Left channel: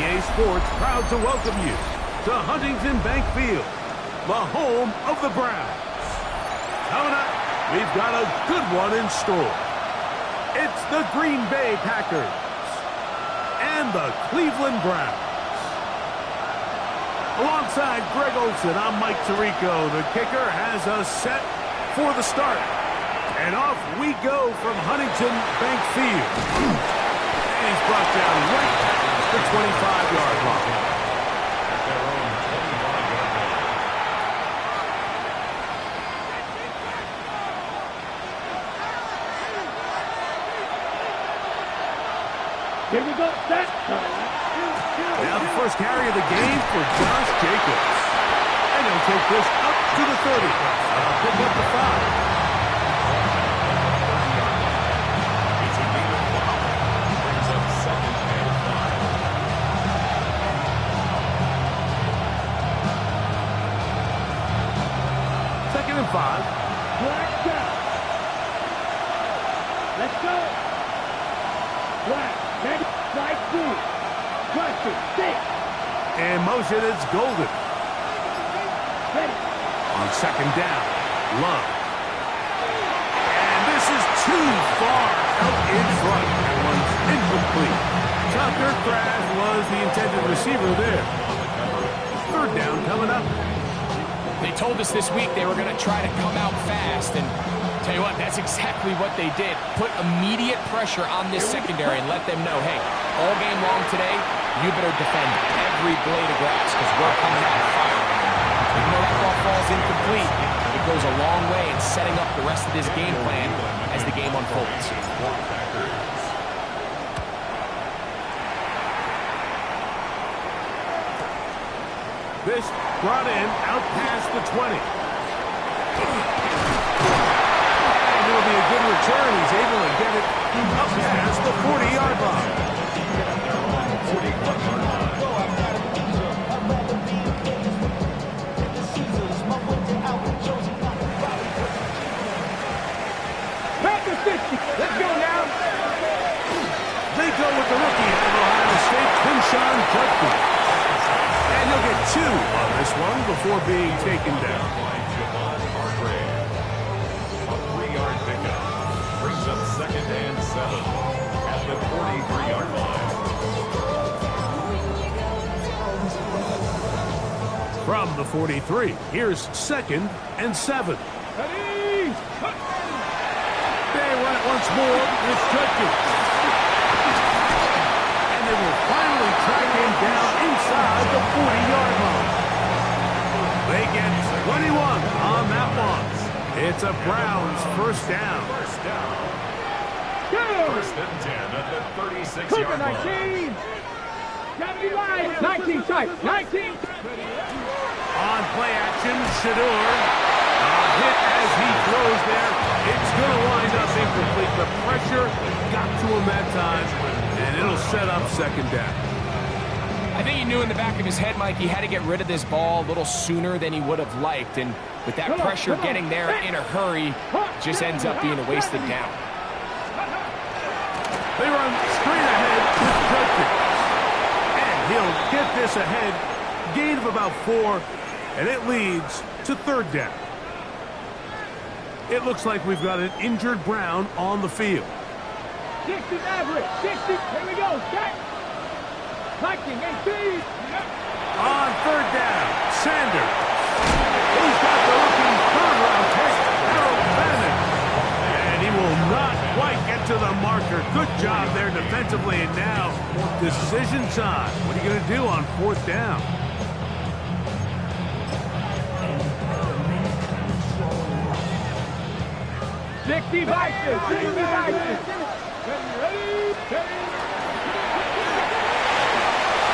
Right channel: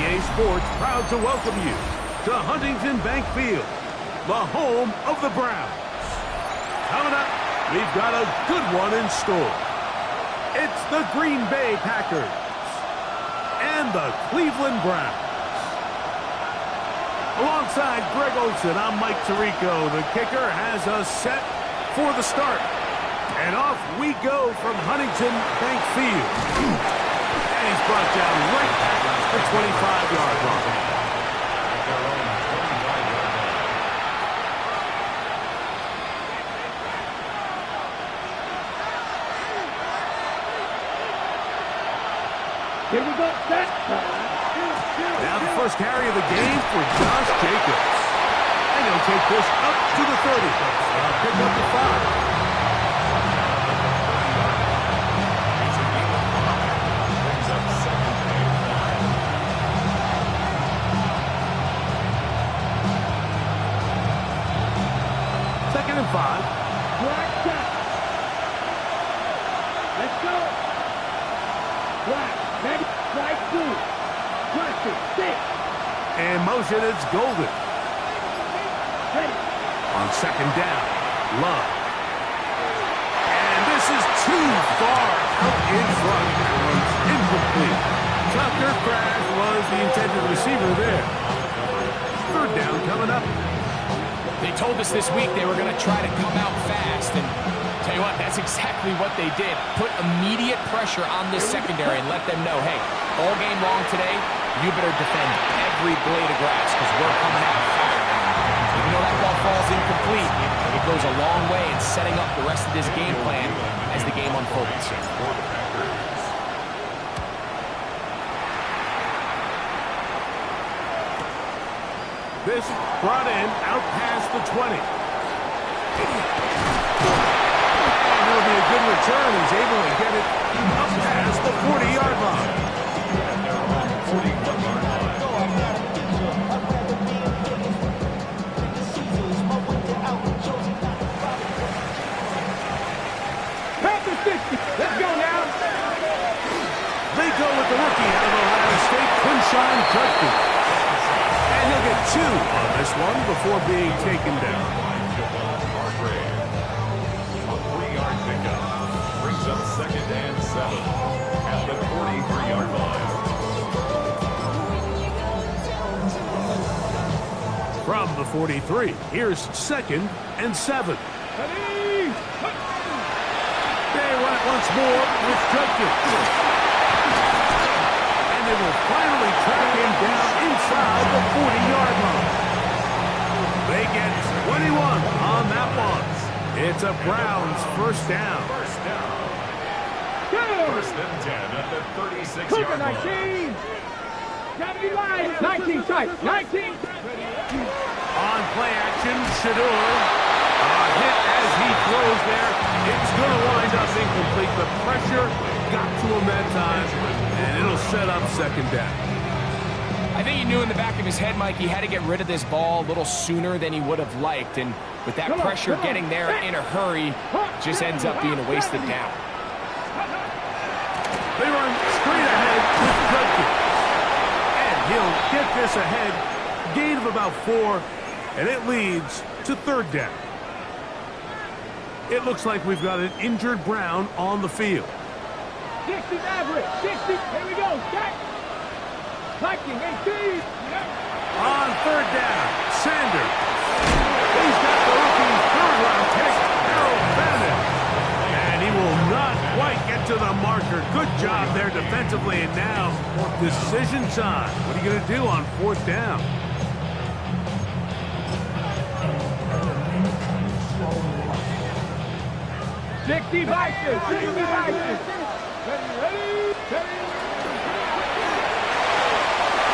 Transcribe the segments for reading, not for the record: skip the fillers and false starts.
EA Sports proud to welcome you to Huntington Bank Field, the home of the Browns. Coming up, we've got a good one in store. It's the Green Bay Packers and the Cleveland Browns. Alongside Greg Olsen, I'm Mike Tirico. The kicker has us set for the start. And off we go from Huntington Bank Field. And he's brought down right at the 25-yard line. At their own 25-yard line. Here we go, set. Now the first carry of the game for Josh Jacobs. And he'll take this up to the 30. Pick up the 5. It's a game of 5. Brings up second and 5. Second and 5. Black out. Let's go. Black. Ready. Slide through. Question. 6. In motion, it's Golden. Ready. On second down, Love. And this is too far out in front. That one's incomplete. Tucker Craft was the intended receiver there. Third down coming up. They told us this week they were going to try to come out fast, and tell you what, that's exactly what they did. Put immediate pressure on this secondary and let them know, hey, all game long today, you better defend every blade of grass because we're coming out firing. Even though that ball falls incomplete, it goes a long way in setting up the rest of this game plan as the game unfolds. This brought in out past the 20. And it'll be a good return. He's able to get it up past the 40-yard line. Packers 50. Let's go now. They go with the rookie out of Ohio State, Quinshawn Judkins. And he'll get 2 on this one before being taken down. A 3-yard pickup. Brings up second and 7 at the 43-yard line. From the 43, here's second and 7. Ready. They run it once more with Judkins. And they will finally track him down inside the 40-yard line. They get 21 on that one. It's a Browns first down. First down. First and 10 at the 36-yard line. 19. Gotta be live. 19 tight. 19. On play action, Shedeur. Hit as he throws there. It's going to wind up incomplete. The pressure got to him that time, and it'll set up second down. I think he knew in the back of his head, Mike, he had to get rid of this ball a little sooner than he would have liked. And with that pressure getting there in a hurry, just ends up being a wasted down. They run straight ahead with Judkins. And he'll get this ahead. Gain of about 4, and it leads to third down. It looks like we've got an injured Brown on the field. 60 average. 60. Here we go. Set. Liking 18. On third down, Sanders. He's got the rookie third-round pick, Harold Bannon. And he will not quite get to the marker. Good job there defensively, and now decision time. What are you going to do on fourth down? Sixty vices. 60 vices. Ready.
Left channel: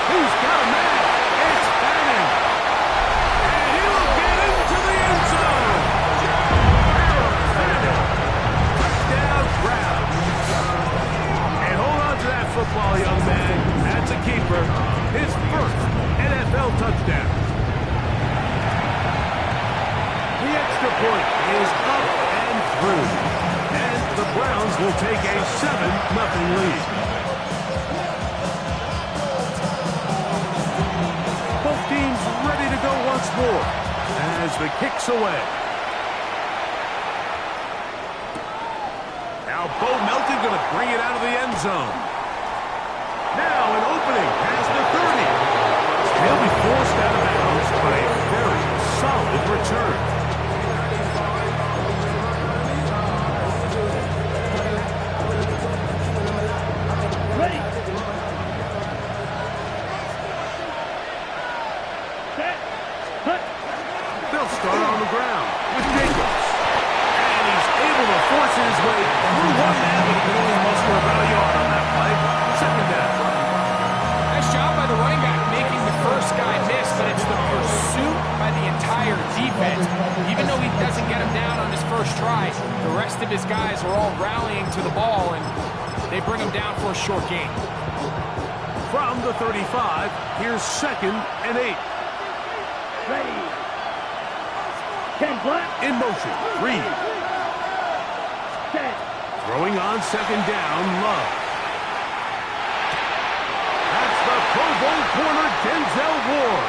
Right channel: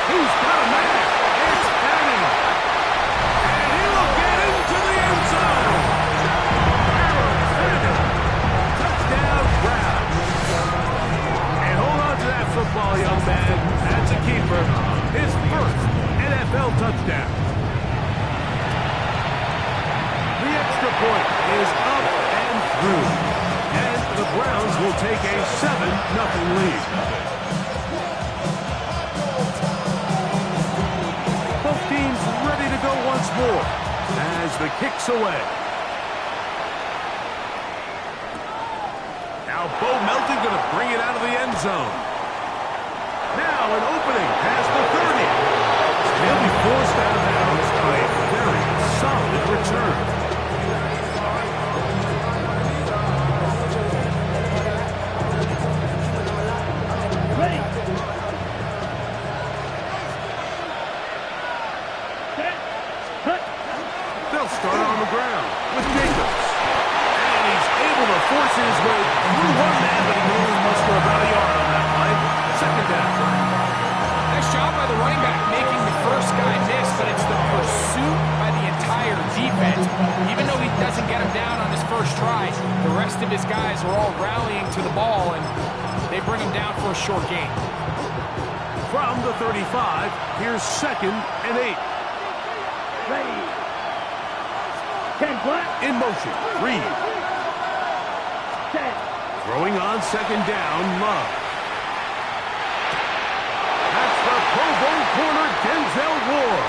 He's got a man. It's Bannon. And he will get into the end zone. Harold Bannon. Touchdown, Brown. And hold on to that football, young man. That's a keeper. His first NFL touchdown. The extra point is up and through. And the Browns will take a 7-0 lead. once more as the kick's away. Now Bo Melton going to bring it out of the end zone. Now an opening past the 30. And he'll be forced out of bounds on a very solid return. Ready. Set. Hut. They'll start on the ground with Jacobs. And he's able to force his way through one man, but he can only muster about a yard on that play. Second down. Nice job by the running back making the first guy miss, but it's the pursuit by the entire defense. Even though he doesn't get him down on his first try, the rest of his guys are all rallying to the ball, and they bring him down for a short gain. From the 35, here's 2nd and 8. Ready. 10 black. In motion, Reed. Set. Throwing on 2nd down, Love. That's the Pro Bowl corner, Denzel Ward.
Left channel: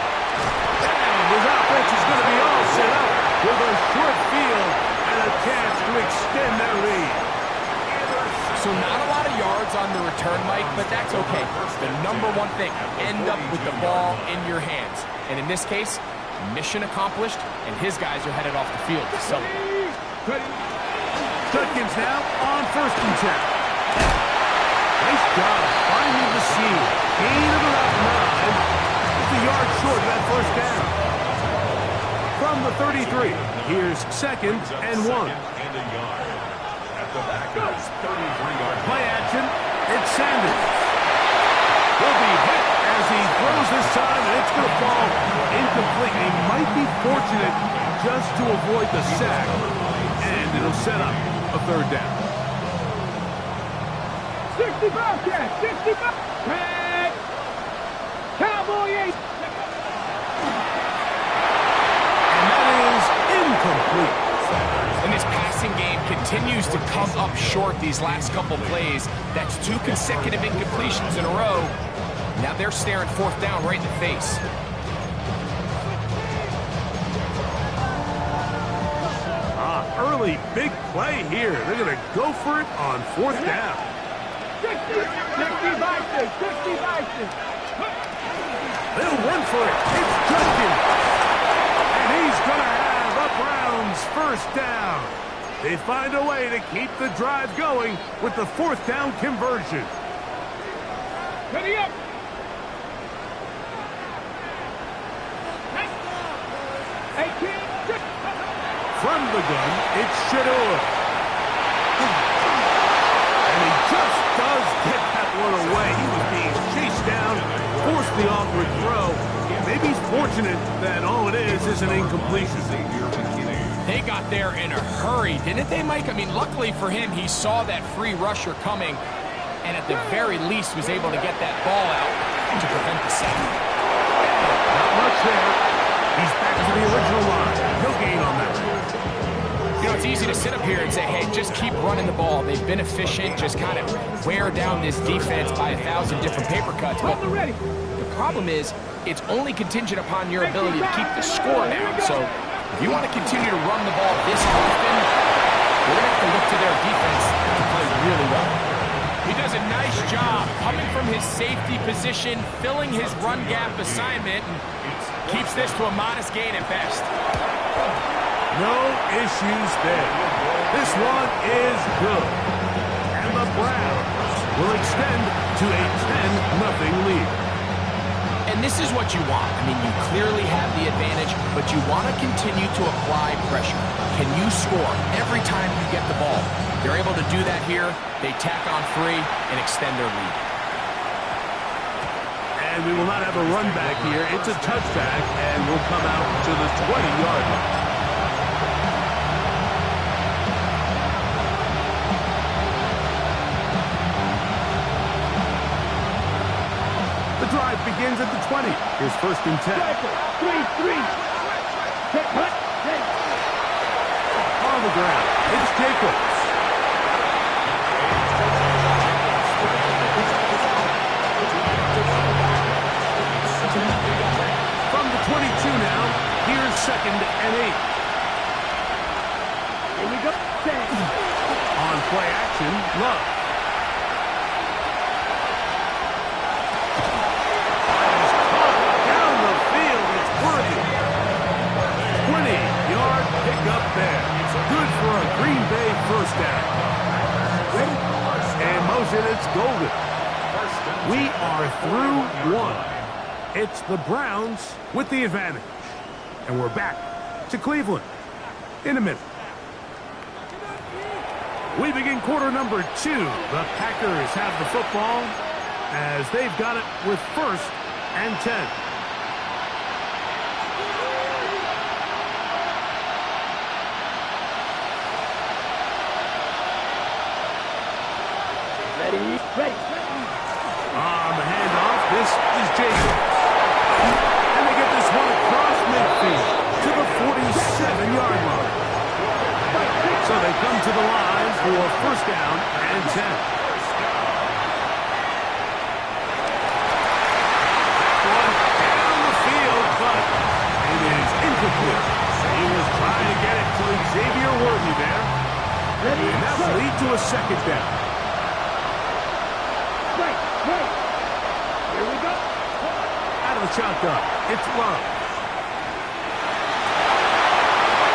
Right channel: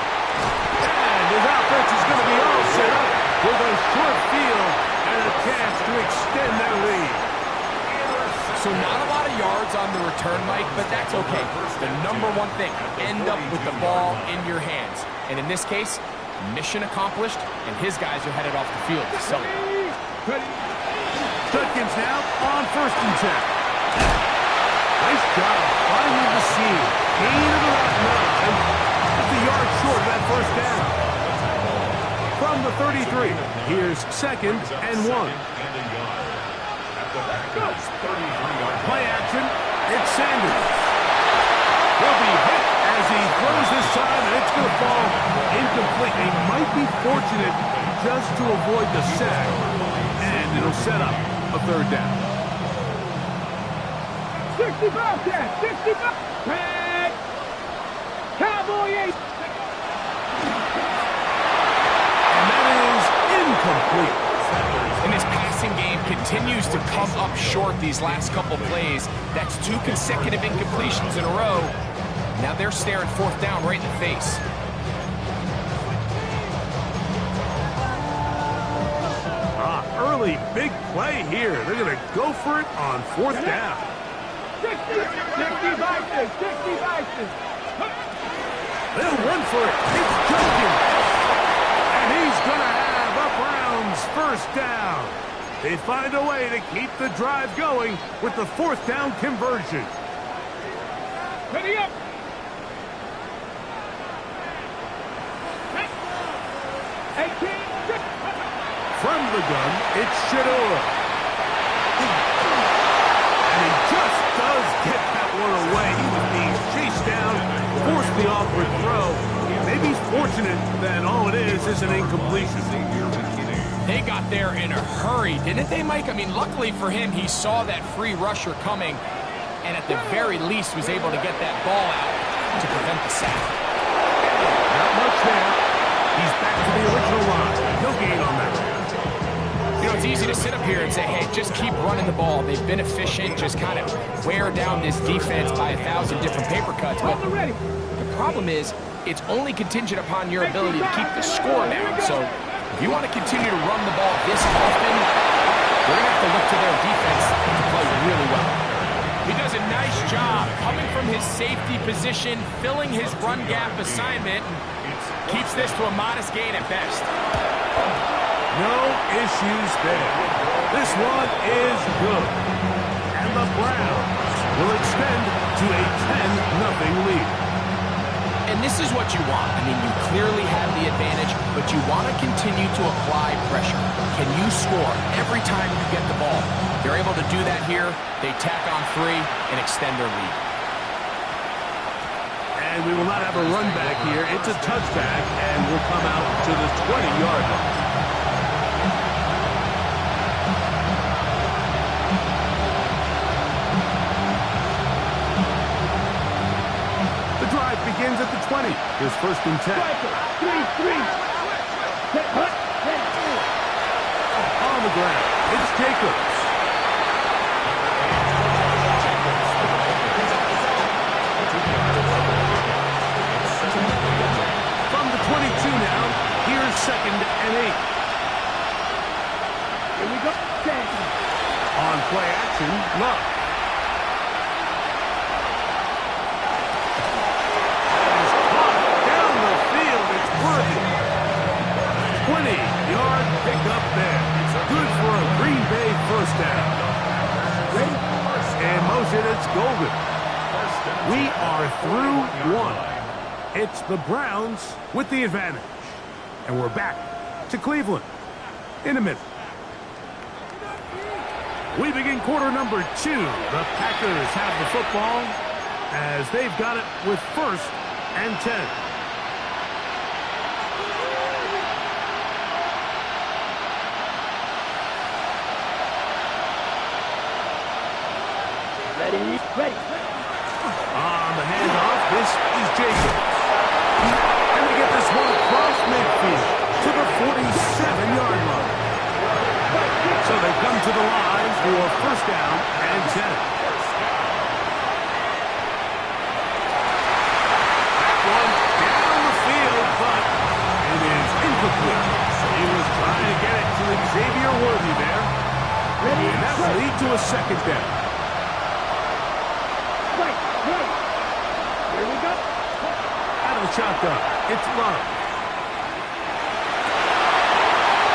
And his offense is going to be all set up with a short field and a chance to extend their lead. So not a lot of yards on the return, Mike, but that's okay. The number one thing, end up with the ball in your hands. And in this case, mission accomplished, and his guys are headed off the field to celebrate. Judkins now on 1st and 10. Nice job finding the seam. Gain of about 9. Just a yard short of that first down. From the 33, here's 2nd and 1. And a yard. At the Packers' 33-yard Play action. It's Sanders. He'll be hit as he throws this time, and it's going to fall incomplete. He might be fortunate just to avoid the sack, and it'll set up a 3rd down. 65 catch. 65. Tag. Cowboy 8. And that is incomplete. And this passing game continues to come up short these last couple plays. That's 2 consecutive incompletions in a row. Now they're staring 4th down right in the face. Early big play here. They're going to go for it on 4th down. 60 Vikings. 60 Vikings. They'll run for it. It's Judkins. And he's going to have a Browns 1st down. They find a way to keep the drive going with the 4th down conversion. Ready up. From the gun, it's Shedeur. And he just does get that one away. He was being chased down, forced the awkward throw. Maybe he's fortunate that all it is an incompletion. They got there in a hurry, didn't they, Mike? I mean, luckily for him, he saw that free rusher coming, and at the very least was able to get that ball out to prevent the sack. Not much there. He's back to the original line. No gain on that. You know, it's easy to sit up here and say, hey, just keep running the ball. They've been efficient, just kind of wear down this defense by 1,000 different paper cuts. But the problem is, it's only contingent upon your ability to keep the score down. So if you want to continue to run the ball this often, you're going to have to look to their defense to play really well. He does a nice job coming from his safety position, filling his run gap assignment, and keeps this to a modest gain at best. No issues there. This one is good. And the Browns will extend to a 10-0 lead. And this is what you want. I mean, you clearly have the advantage, but you want to continue to apply pressure. Can you score every time you get the ball? They're able to do that here. They tack on 3 and extend their lead. And we will not have a run back here. It's a touchback, and we'll come out to the 20-yard line. The drive begins at the 20. Here's 1st and 10. 3-3. On the ground, it's Jacobs. From the 22 now, Here's 2nd and 8. Here we go. 10. On play action, Love. That is caught down the field. It's worthy. 20-yard pickup there. Good for a Green Bay first down. In motion, it's Golden. We are through one. It's the Browns with the advantage. And we're back to Cleveland in a minute. We begin quarter number 2. The Packers have the football as they've got it with 1st and 10. Ready. On the handoff, this is Jacobs. And they get this one across midfield to the 47-yard line. So they come to the line for 1st down and 10. That one down the field, but it is incomplete. He was trying to get it to Xavier Worthy there. And that will lead to a 2nd down. Right. Here we go. Out of the shotgun, it's Love.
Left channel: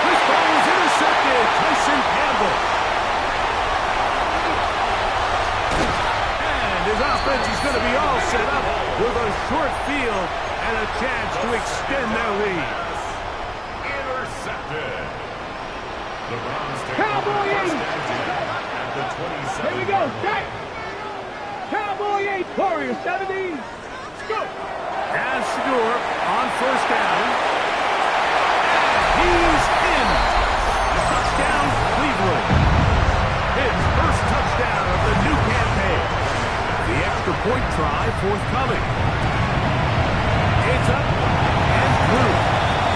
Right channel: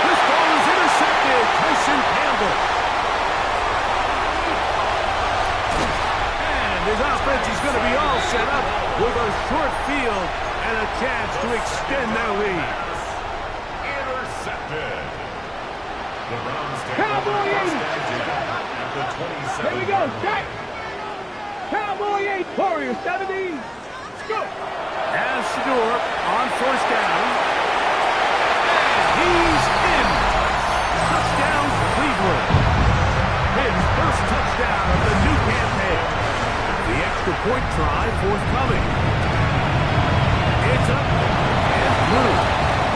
This ball is intercepted. Tyson Campbell. And his offense is going to be all set up with a short field and a chance to extend their lead. Intercepted. The Browns take Cowboy over 1st 8. and 10 at the 27. Here we go. Set. Cowboy 8. Warrior 70. Go. As Shador on 1st down. And he's in. Touchdown, Cleveland. His first touchdown of the new campaign. The extra point try forthcoming. It's up and through.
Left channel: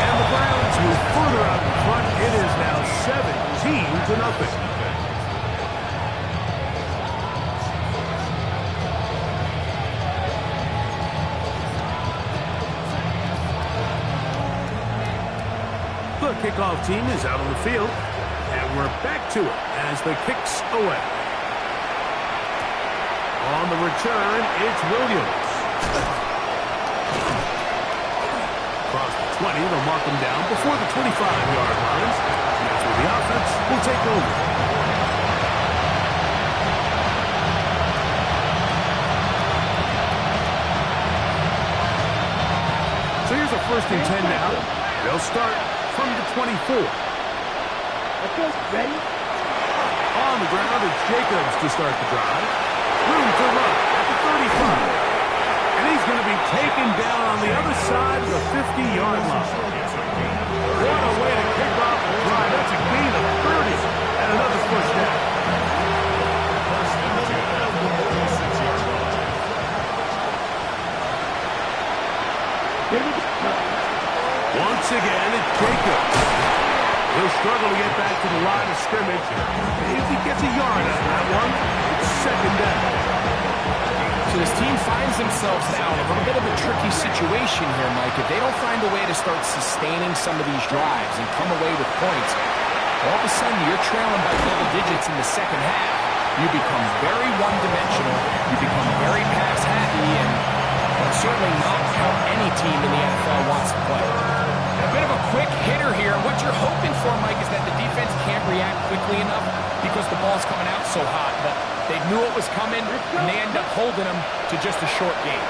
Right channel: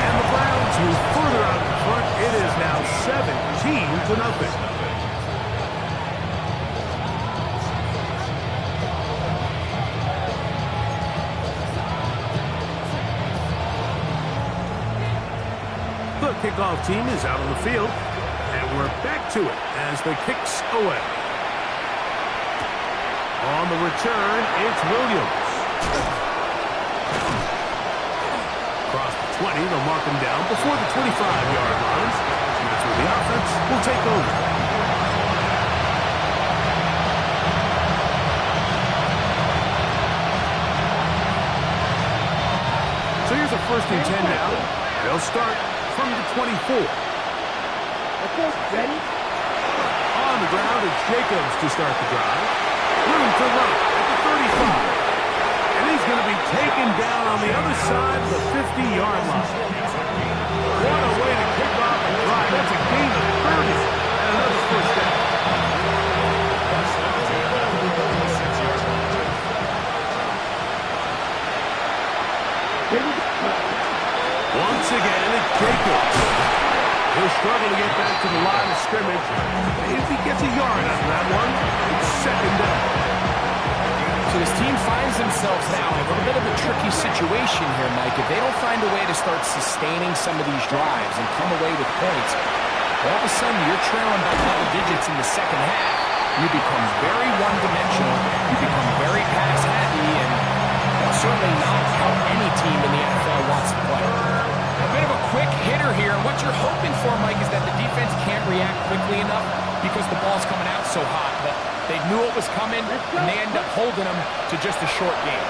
And the Browns move further out in front. It is now 17-0. The kickoff team is out on the field, and we're back to it as the kick's away. On the return, it's Williams. Across the 20, they'll mark him down before the 25-yard line. And that's where the offense will take over. So here's a 1st and 10 now. They'll start from the 24. Let's go. Ready. On the ground, it's Jacobs to start the drive. Room to run at the 35. And he's going to be taken down on the other side of the 50-yard line. What a way to kick off the drive. That's a gain of 30 and another 1st down. 1st and 10 at the 46-yard line. Here we go. Once again, it's Jacobs. He'll struggle to get back to the line of scrimmage. If he gets a yard out of that one, it's 2nd down. So this team finds themselves now in a little bit of a tricky situation here, Mike. If they don't find a way to start sustaining some of these drives and come away with points, all of a sudden you're trailing by double digits in the 2nd half. You become very one-dimensional. You become very pass-happy, and that's certainly not how any team in the NFL wants to play. A bit of a quick hitter here. What you're hoping for, Mike, is that the defense can't react quickly enough because the ball's coming out so hot. But they knew it was coming, and they end up holding them to just a short game.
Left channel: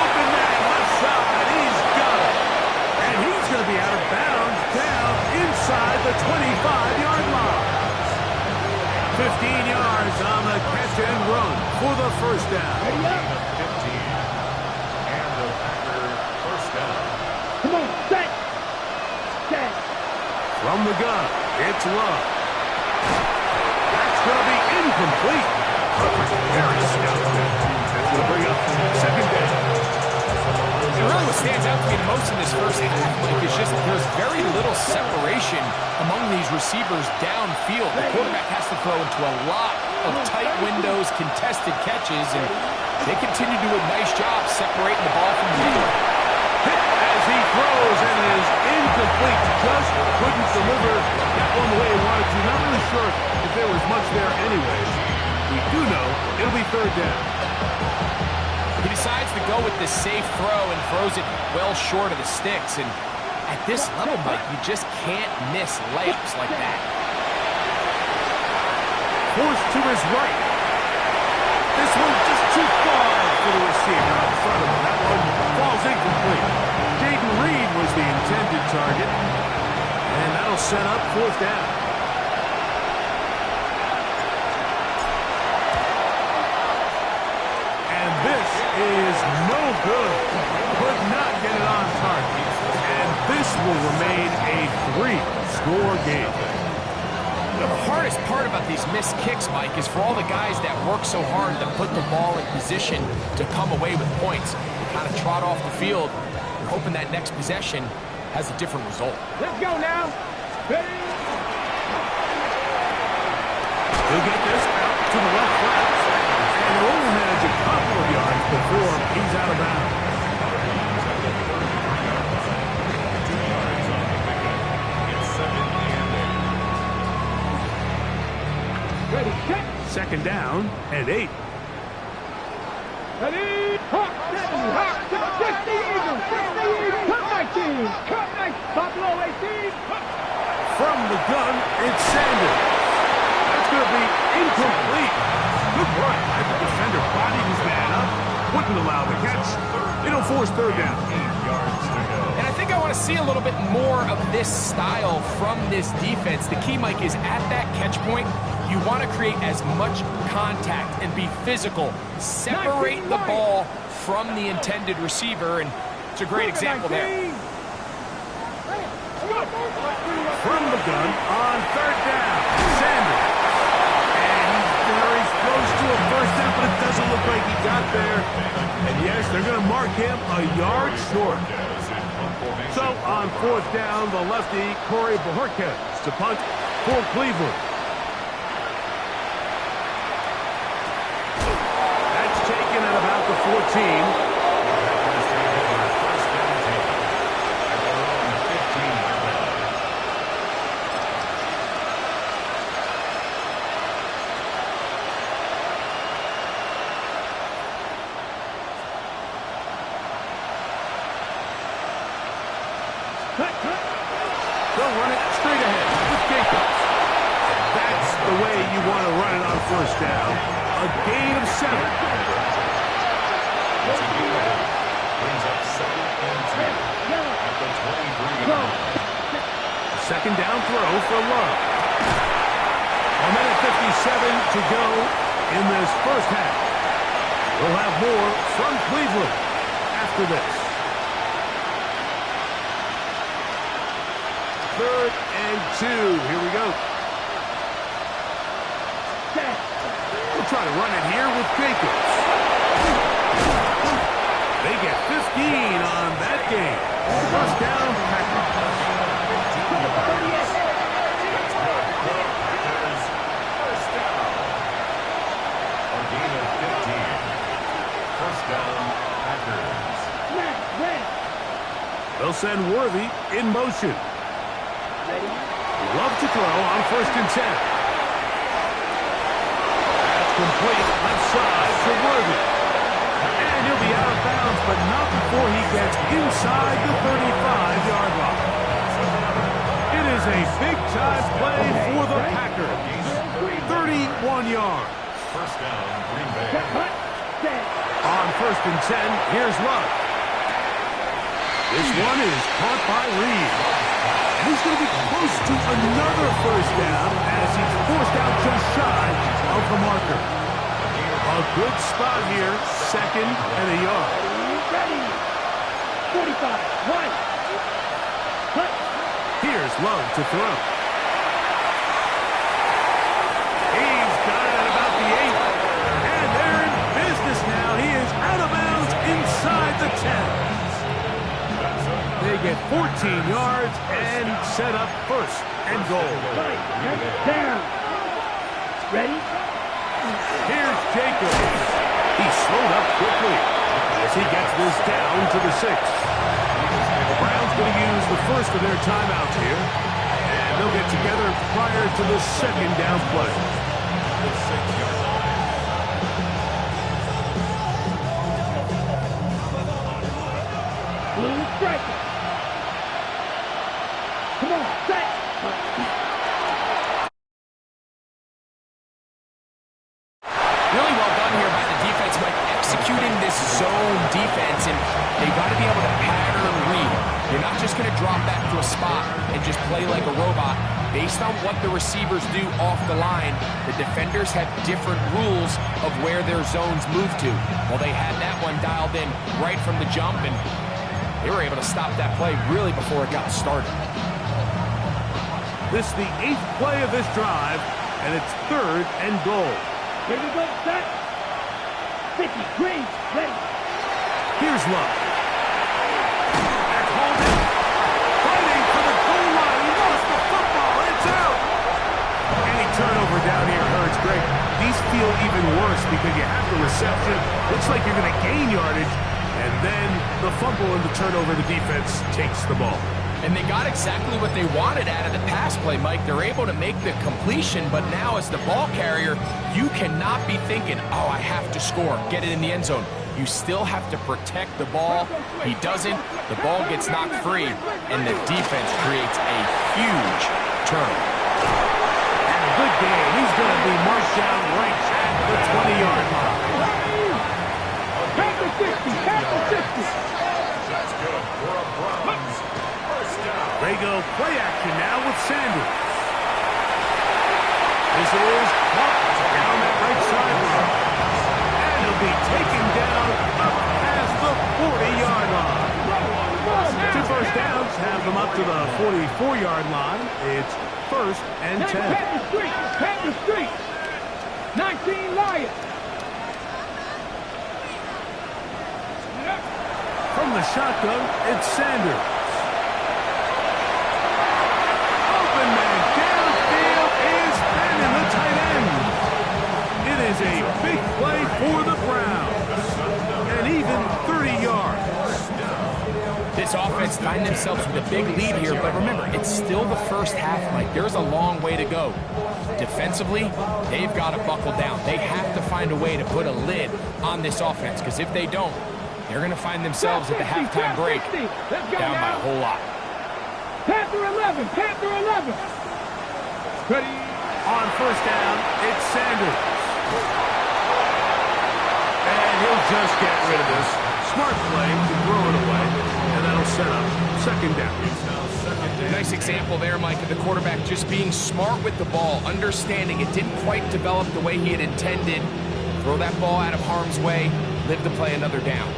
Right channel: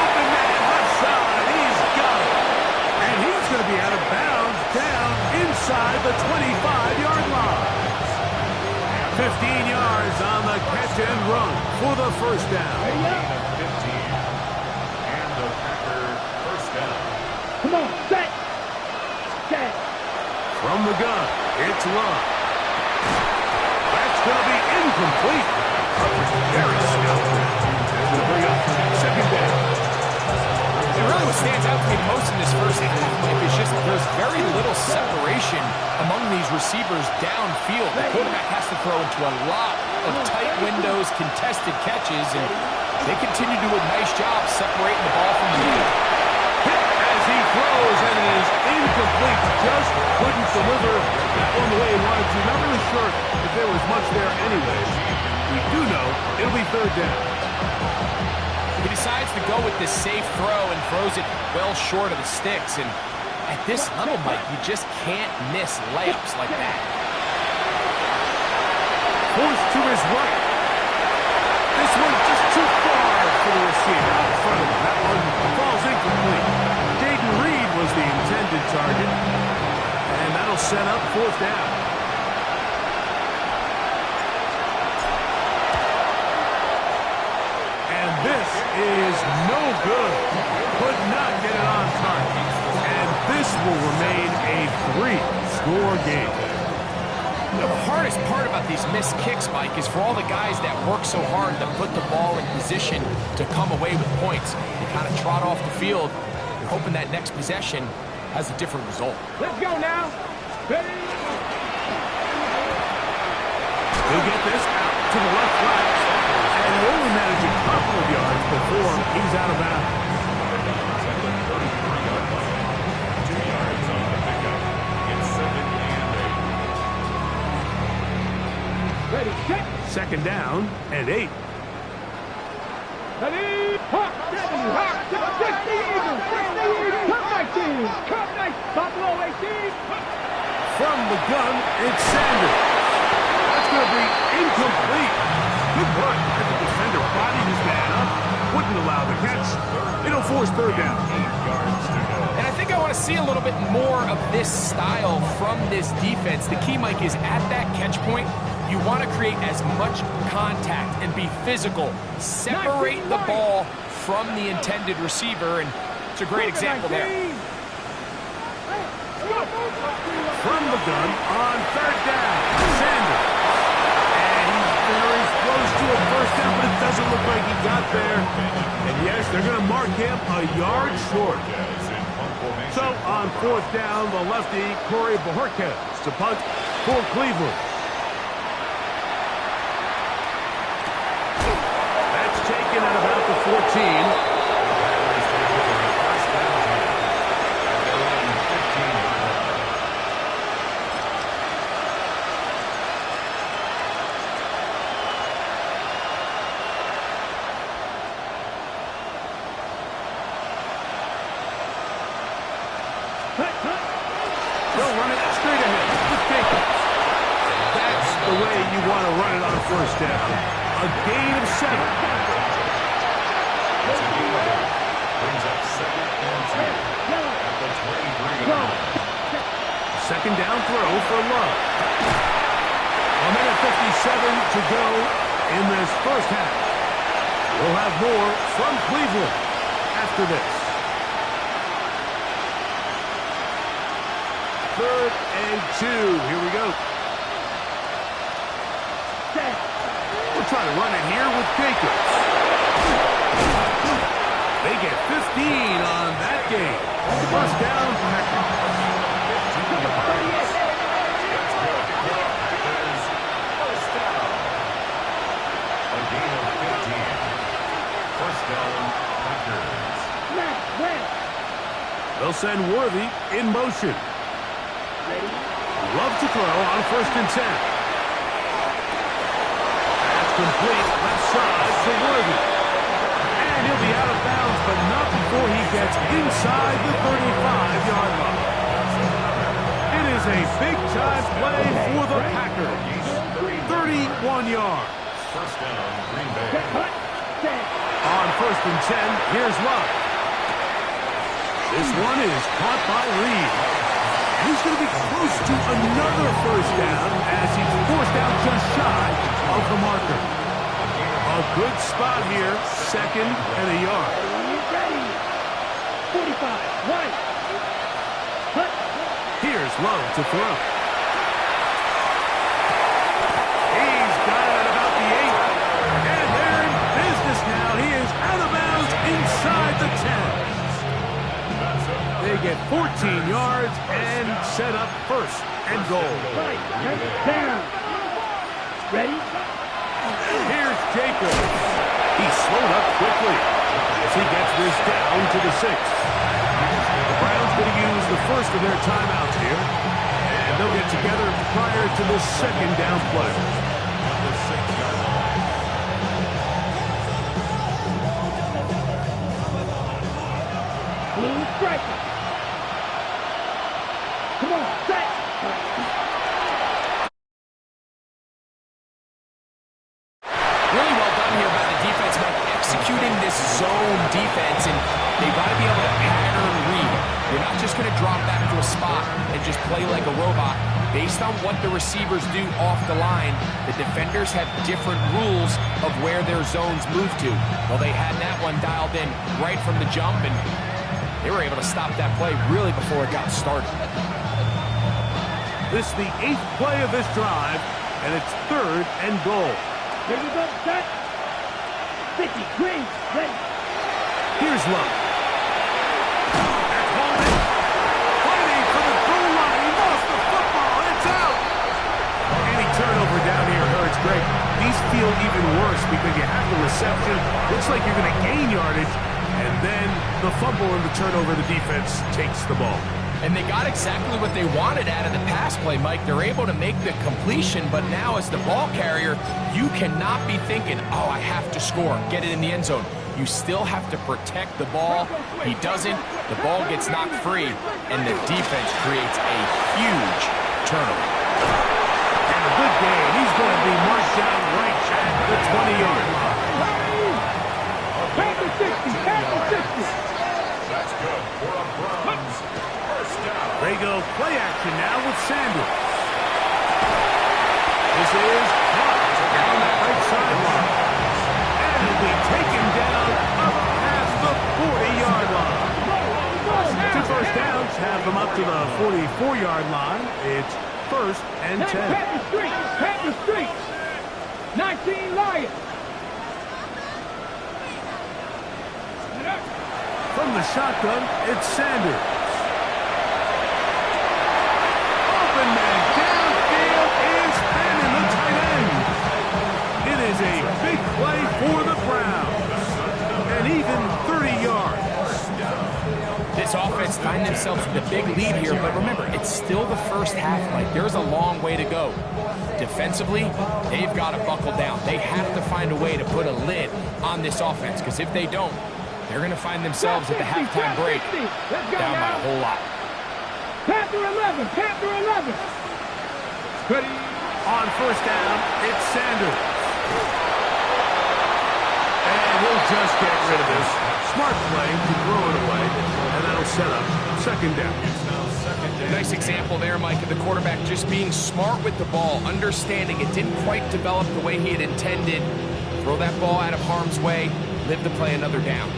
Open man, left side. He's got it. And he's going to be out of bounds down inside the 25-yard line. 15 yards on the catch and run for the 1st down. Ready up. 15. And the Packer 1st down. Come on. Set. Set. From the gun, it's Love. That's going to be incomplete. Very stout there. Going to bring up 2nd down. And really what stands out to me the most in this 1st half, Mike, is just there's very little separation among these receivers downfield. The quarterback has to throw into a lot of tight windows, contested catches, and they continue to do a nice job separating the ball from the middle. Hit as he throws, and it is incomplete. Just couldn't deliver that one the way he wanted to. Not really sure if there was much there anyways. We do know it'll be third down. He decides to go with this safe throw and throws it well short of the sticks. And at this level, Mike, you just can't miss layups like that. Forced to his right. This one just too far for the receiver out in front of him. That one falls incomplete. Jaden Reed was the intended target, and that'll set up fourth down. And this is no good. Could not get it on target. And this will remain a 3-score game. The hardest part about these missed kicks, Mike, is for all the guys that work so hard to put the ball in position to come away with points. They kind of trot off the field. You're hoping that next possession has a different result. Let's go now. Ready? He'll get this out to the left flat, and he'll only manage a couple of yards before he's out of bounds. At the 33-yard line. 2 yards on the pickup. It's 2nd and 8. Ready, set. Second down and 8. Ready, hop, 70, hop, 60 Eagles, 60 Eagles, come 19, Buffalo 18, hop. From the gun, it's Sanders. That's going to be incomplete. Good run as the defender bodied his man up. Wouldn't allow the catch. It'll force third down. 8 yards to go. And I think I want to see a little bit more of this style from this defense. The key, Mike, is at that catch point, you want to create as much contact and be physical. Separate the ball from the intended receiver, and it's a great example there. From the gun on third down, Sanders. And he's very close to a first down, but it doesn't look like he got there. And yes, they're going to mark him a yard short. So on fourth down, the lefty, Corey Bojorquez to punt for Cleveland. That's taken at about the 14. Packers take over at 1st and 10 at their own 15-yard line. They'll run it straight ahead with Jacobs. And that's the way you want to run it on first down. A gain of 7. It's a gain of 8. Brings up 2nd and 10 at the 23-yard line. Second down throw for Love. 1:57 to go in this first half. We'll have more from Cleveland after this. 3rd and 2. Here we go. We'll try to run it here with Jacobs. They get 15 on that game. First down, Packers. 15 yards. That's good. Packers, first down. A gain of 15. First down, Packers. They'll send Worthy in motion. Love to throw on 1st and 10. That's complete. Left side to Worthy. And he'll be out of bounds, but not before he gets inside the 35-yard line. It is a big-time play for the Packers. 31 yards. First down, Green Bay. On 1st and 10, here's Love. This one is caught by Reed. And he's going to be close to another first down as he's forced out just shy of the marker. A good spot here, 2nd and a yard. Ready. 45. 1. Here's Love to throw. He's got it at about the 8. And they're in business now. He is out of bounds inside the 10. They get 14 yards and set up 1st and goal. Down. Ready? Here's Jacobs. He slowed up quickly as he gets this down to the 6. The Browns going to use the first of their timeouts here. And they'll get together prior to the second down play. The 6-yard line. Blue striker. Come on, set. Really well done here by the defense, Mike, executing this zone defense, and they've got to be able to pattern read. You're not just going to drop back to a spot and just play like a robot. Based on what the receivers do off the line, the defenders have different rules of where their zones move to. Well, they had that one dialed in right from the jump, and they were able to stop that play really before it got started. This is the 8th play of this drive, and it's 3rd and goal. Here we go, set. 50, green, ready. Here's Love. That's holding. Fighting for the goal line. He lost the football. It's out. Any turnover down here hurts. Great. These feel even worse because you have the reception. Looks like you're going to gain yardage. And then the fumble and the turnover, the defense takes the ball. And they got exactly what they wanted out of the pass play, Mike. They're able to make the completion, but now as the ball carrier, you cannot be thinking, oh, I have to score, get it in the end zone. You still have to protect the ball. He doesn't. The ball gets knocked free, and the defense creates a huge turnover. And a good gain. He's going to be marked down right at the 20-yard line. Tap the 60, tap the 60. That's good for a Browns first down. They go play action now with Sanders. This is caught down that right sideline. And he'll be taken down up past the 40-yard line. 2 first downs have them up to the 44-yard line. It's 1st and 10. Tap the street, tap the street. 19 Lions. From the shotgun, it's Sanders. Open man downfield is Fannin, the tight end. It is a big play for the Browns. And even 30 yards. This offense find themselves with a big lead here, but remember, it's still the first half, Mike. There's a long way to go. Defensively, they've got to buckle down. They have to find a way to put a lid on this offense, because if they don't, they're going to find themselves at the halftime break down by a whole lot. Panther 11, Panther 11. Ready. On first down, it's Sanders. And he'll just get rid of this. Smart play to throw it away, and that'll set up 2nd down. It's now 2nd down. Nice example there, Mike, of the quarterback just being smart with the ball, understanding it didn't quite develop the way he had intended. Throw that ball out of harm's way, live to play another down.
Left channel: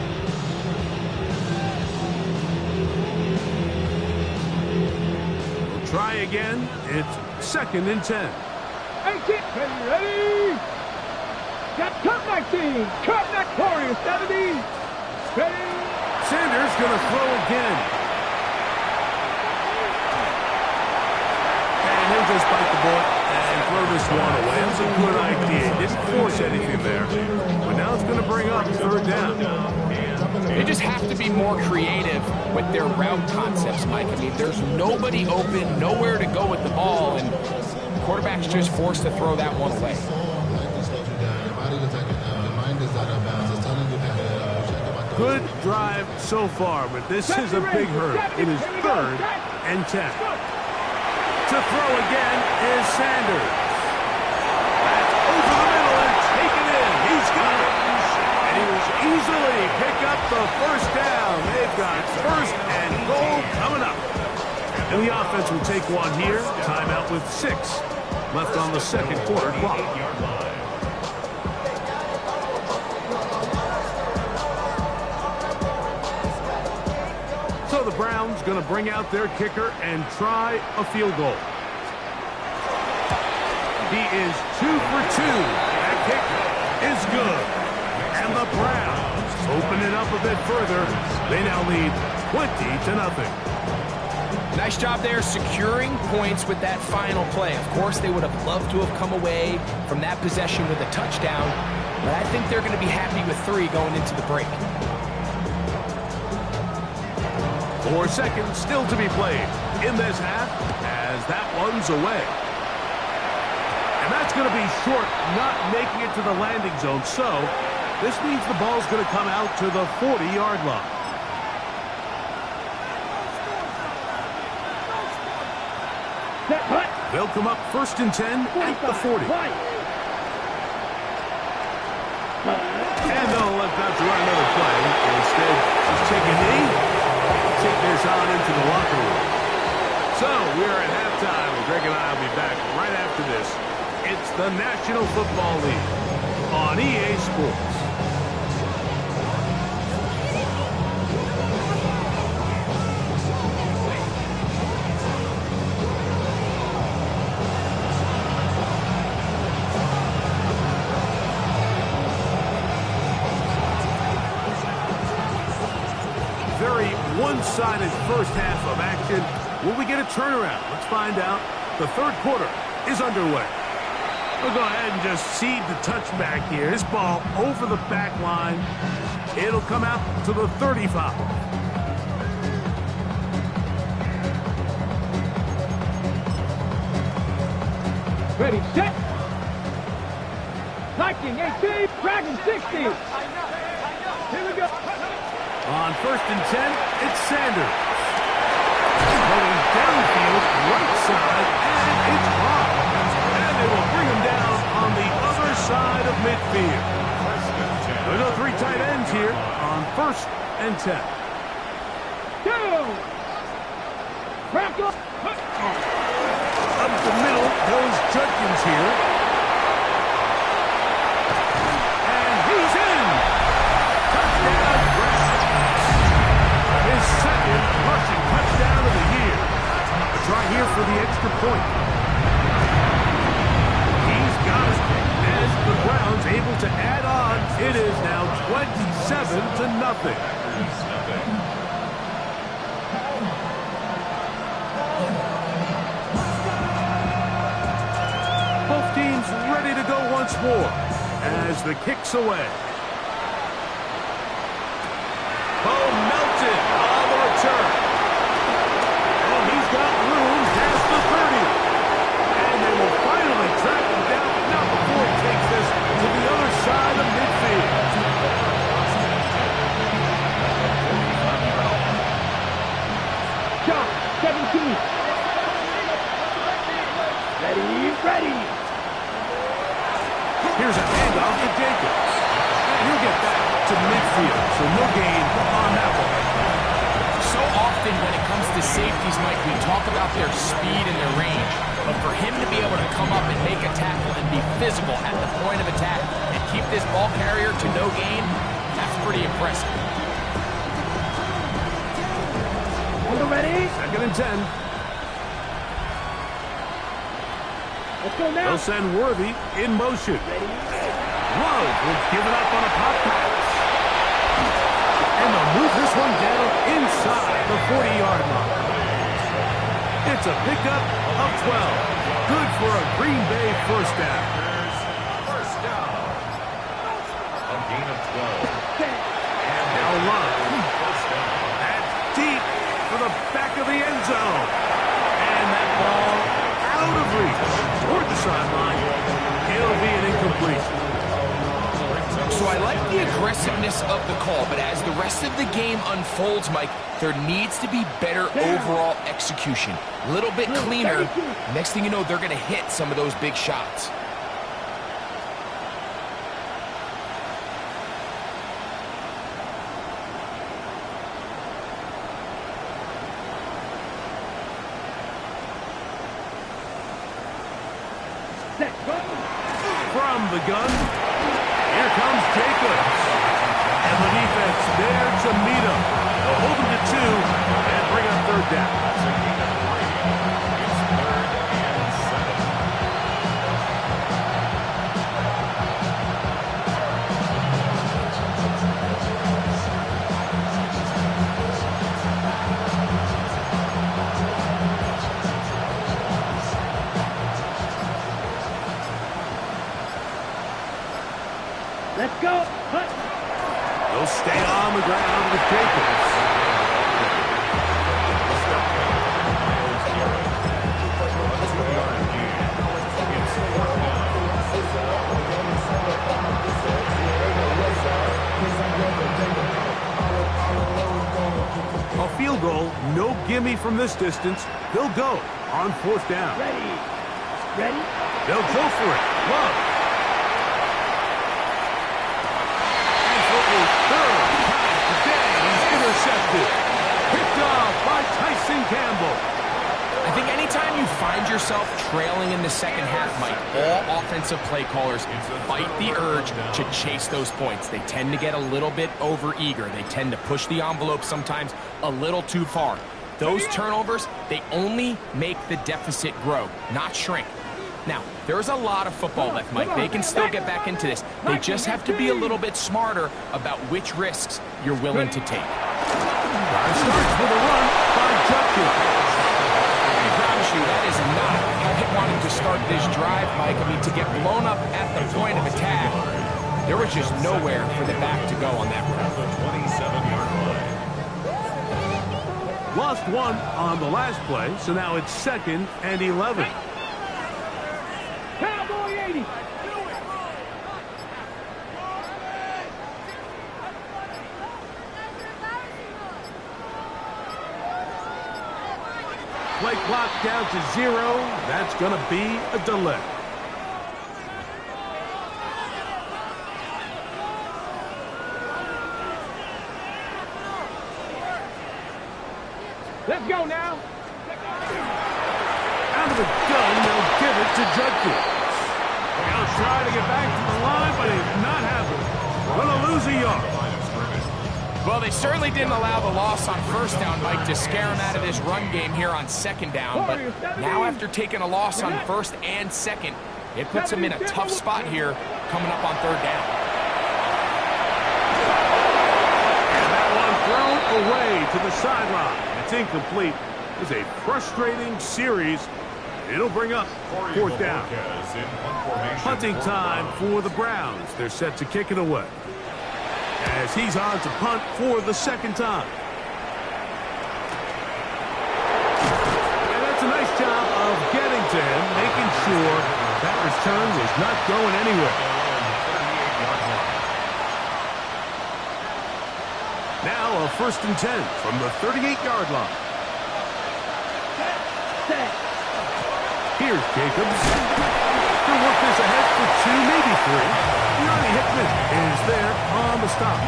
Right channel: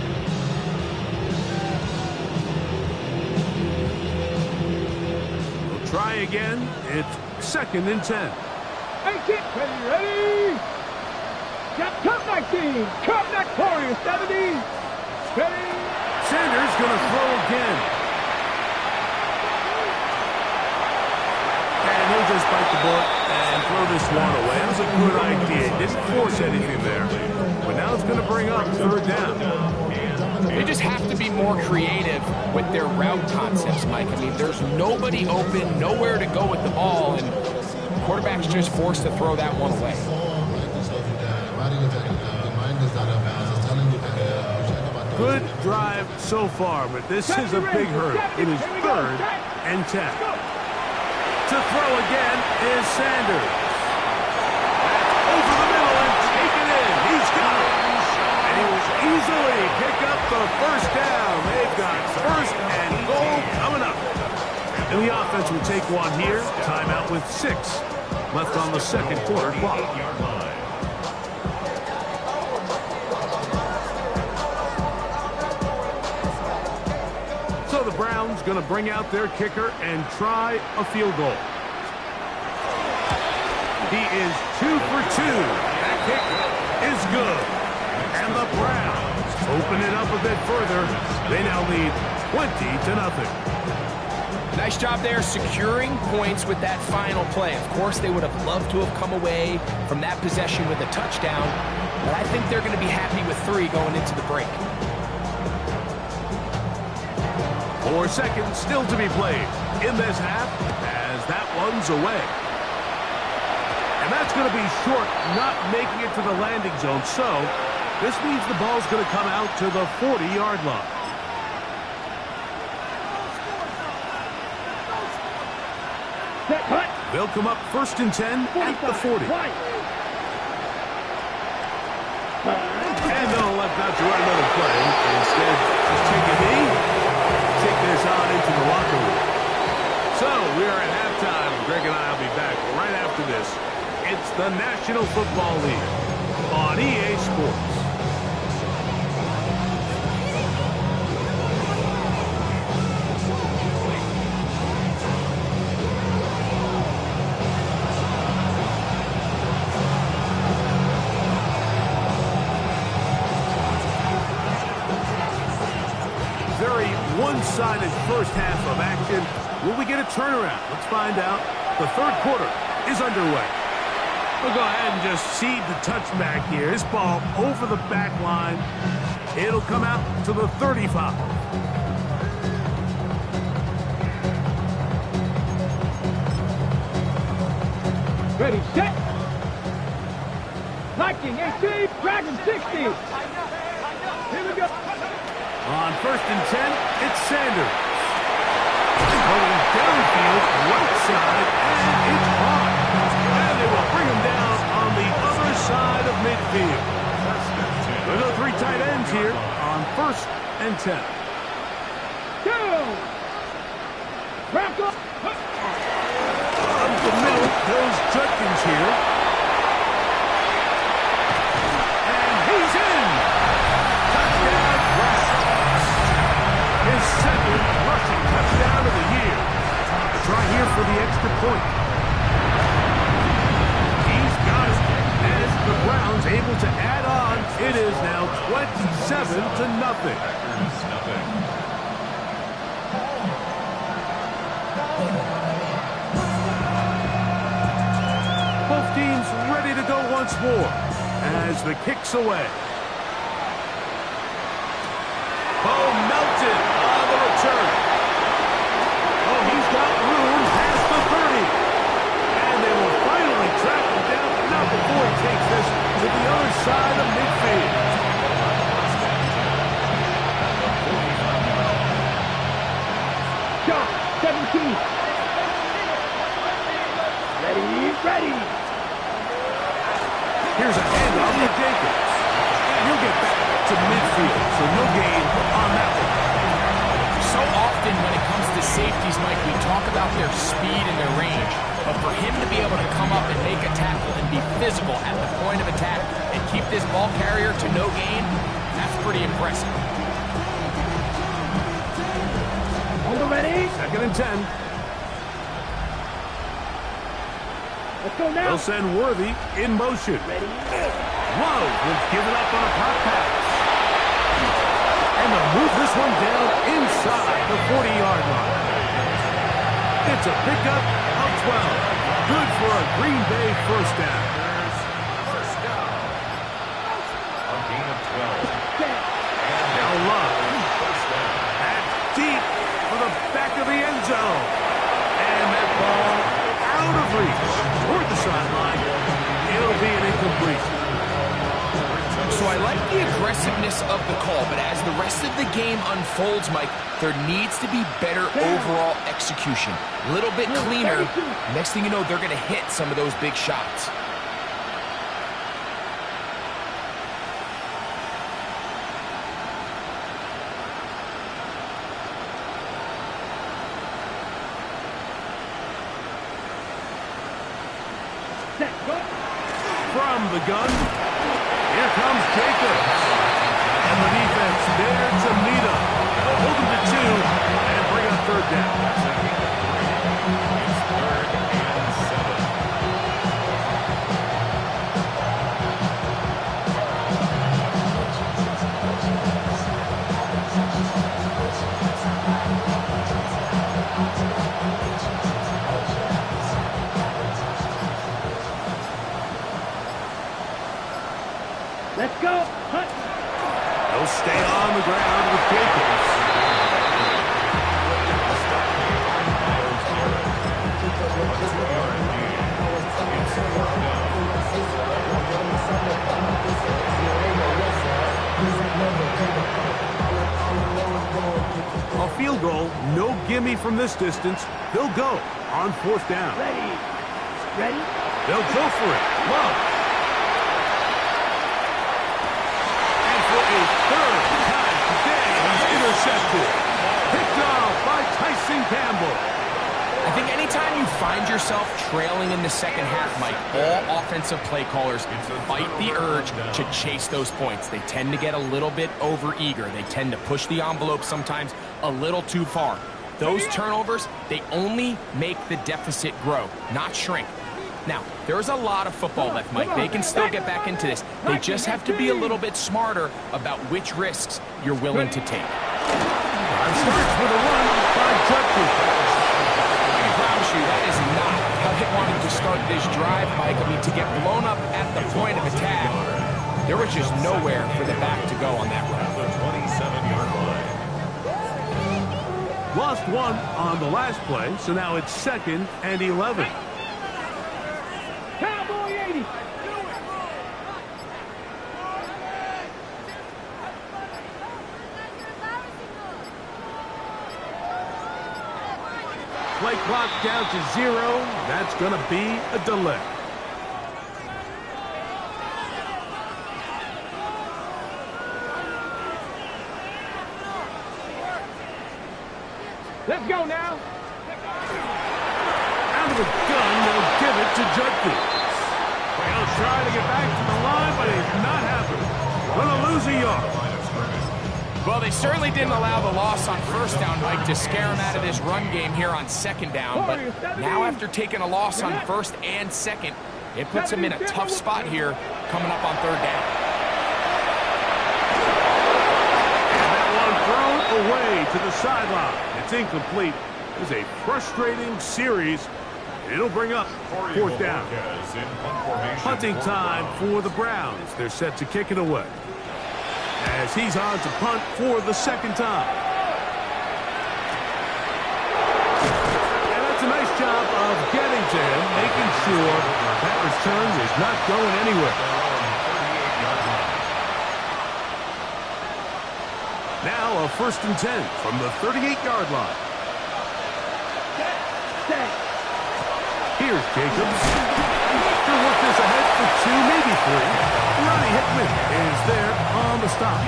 Try again. It's 2nd and 10. 18, ready. Got cut 19, cut that Warriors 70. Ready. Sanders going to throw again. And he'll just bite the bullet and throw this one away. That was a good idea. Didn't force anything there. But now it's going to bring up 3rd down. They just have to be more creative with their route concepts, Mike. I mean, there's nobody open, nowhere to go with the ball, and the quarterback's just forced to throw that one away. Good drive so far, but this is a big hurdle. It is 3rd and 10. To throw again is Sanders. That's over the middle and taken in. He's got it. And he will easily pick up the first down. They've got 1st and goal coming up. And the offense will take one here. Timeout with 6 left on the 2nd quarter clock. 8-yard line. So the Browns going to bring out their kicker and try a field goal. He is 2 for 2. That kick is good. And the Browns open it up a bit further. They now lead 20-0. Nice job there securing points with that final play. Of course, they would have loved to have come away from that possession with a touchdown, but I think they're going to be happy with 3 going into the break. 4 seconds still to be played in this half as that one's away. And that's going to be short, not making it to the landing zone. So this means the ball's going to come out to the 40-yard line. They'll come up 1st and 10 at the 40. And they'll elect not to run another play. Instead, just take a knee, take this on into the locker room. So we are at halftime. Greg and I will be back right after this. It's the National Football League on EA Sports. Very one-sided first half of action. Will we get a turnaround? Let's find out. The third quarter is underway. We'll go ahead and just cede the touchback here. This ball over the back line. It'll come out to the 35. Ready, set. Viking 18, Dragon 60. Here we go. On 1st and 10, it's Sanders. Going downfield, right side, and it's hard. And they will bring him down on the other side of midfield. There's no 3 tight ends here on 1st and 10. Two. Crackle. Up the middle goes Judkins here. And he's in. Touchdown, Browns. His second rushing touchdown of the year. A try here for the extra point. He's got it. As the Browns able to add on, it is now 27-0. Both teams ready to go once more as the kick's away. Bo Melton on the return. Oh, he's got room past the 30. And they will finally track him down, but not before he takes this to the other side of midfield. Shot 17. Ready. Here's a handoff to Jacobs. And he'll get back to midfield, so no gain on that one. So often when it comes to safeties, Mike, we talk about their speed and their range. But for him to be able to come up and make a tackle and be physical at the point of attack and keep this ball carrier to no gain, that's pretty impressive. On the ready. 2nd and 10. Let's go now. They'll send Worthy in motion. Ready. Love will give it up on a pop pass. And they'll move this one down inside the 40-yard line. It's a pickup of 12. Good for a Green Bay first down. First down. A gain of 12. And Now Love. first down. That's deep for the back of the end zone. And that ball out of reach toward the sideline. It'll be an incompletion. So I like the aggressiveness of the call, but as the rest of the game unfolds, Mike, there needs to be better overall execution. A little bit cleaner. Next thing you know, they're going to hit some of those big shots. From the gun, here comes Jacobs. And the defense there to meet him. They'll hold him to 2 and bring up 3rd down. That's a gain of 3. It's 3rd and 7. Let's go. Hut. They'll stay on the ground with Jacobs. Fourth down. A field goal, no gimme from this distance. They'll go on fourth down. Ready. Ready. They'll go for it. Love. And for a third time today, he's intercepted. Picked off by Tyson Campbell. I think anytime you find yourself trailing in the second half, Mike, all offensive play callers fight the urge to chase those points. They tend to get a little bit overeager. They tend to push the envelope sometimes a little too far. Those turnovers, they only make the deficit grow, not shrink. Now, there's a lot of football left, Mike. They can still get back into this. They just have to be a little bit smarter about which risks you're willing to take. Drive starts with a run by Judkins. I promise you, that is not how they wanted to start this drive, Mike. I mean, to get blown up at the point of attack, there was just nowhere for the back to go on that run. At the 27-yard line. Lost one on the last play, so now it's 2nd and 11. Cowboy 80. Play clock down to 0. That's going to be a delay. Let's go now. Out of the gun, they'll give it to Judkins. He'll try to get back to the line, but it's not happening. Going to lose a yard. Line of scrimmage. Well, they certainly didn't allow the loss on first down, Mike, to scare him out of this run game here on second down. But now after taking a loss on first and second, it puts him in a tough spot here coming up on third down. And that one thrown away to the sideline. It's incomplete. It's a frustrating series. It'll bring up fourth down. Marquez in punt formation Punting for the time Browns. for the Browns. They're set to kick it away, as he's on to punt for the second time. And that's a nice job of getting to him, making sure that return was not going anywhere. Their own 38-yard line. Now a 1st and 10 from the 38-yard line. Set. Here's Jacobs. They'll work this ahead for 2, maybe 3. Ronnie Hickman is there on the stop.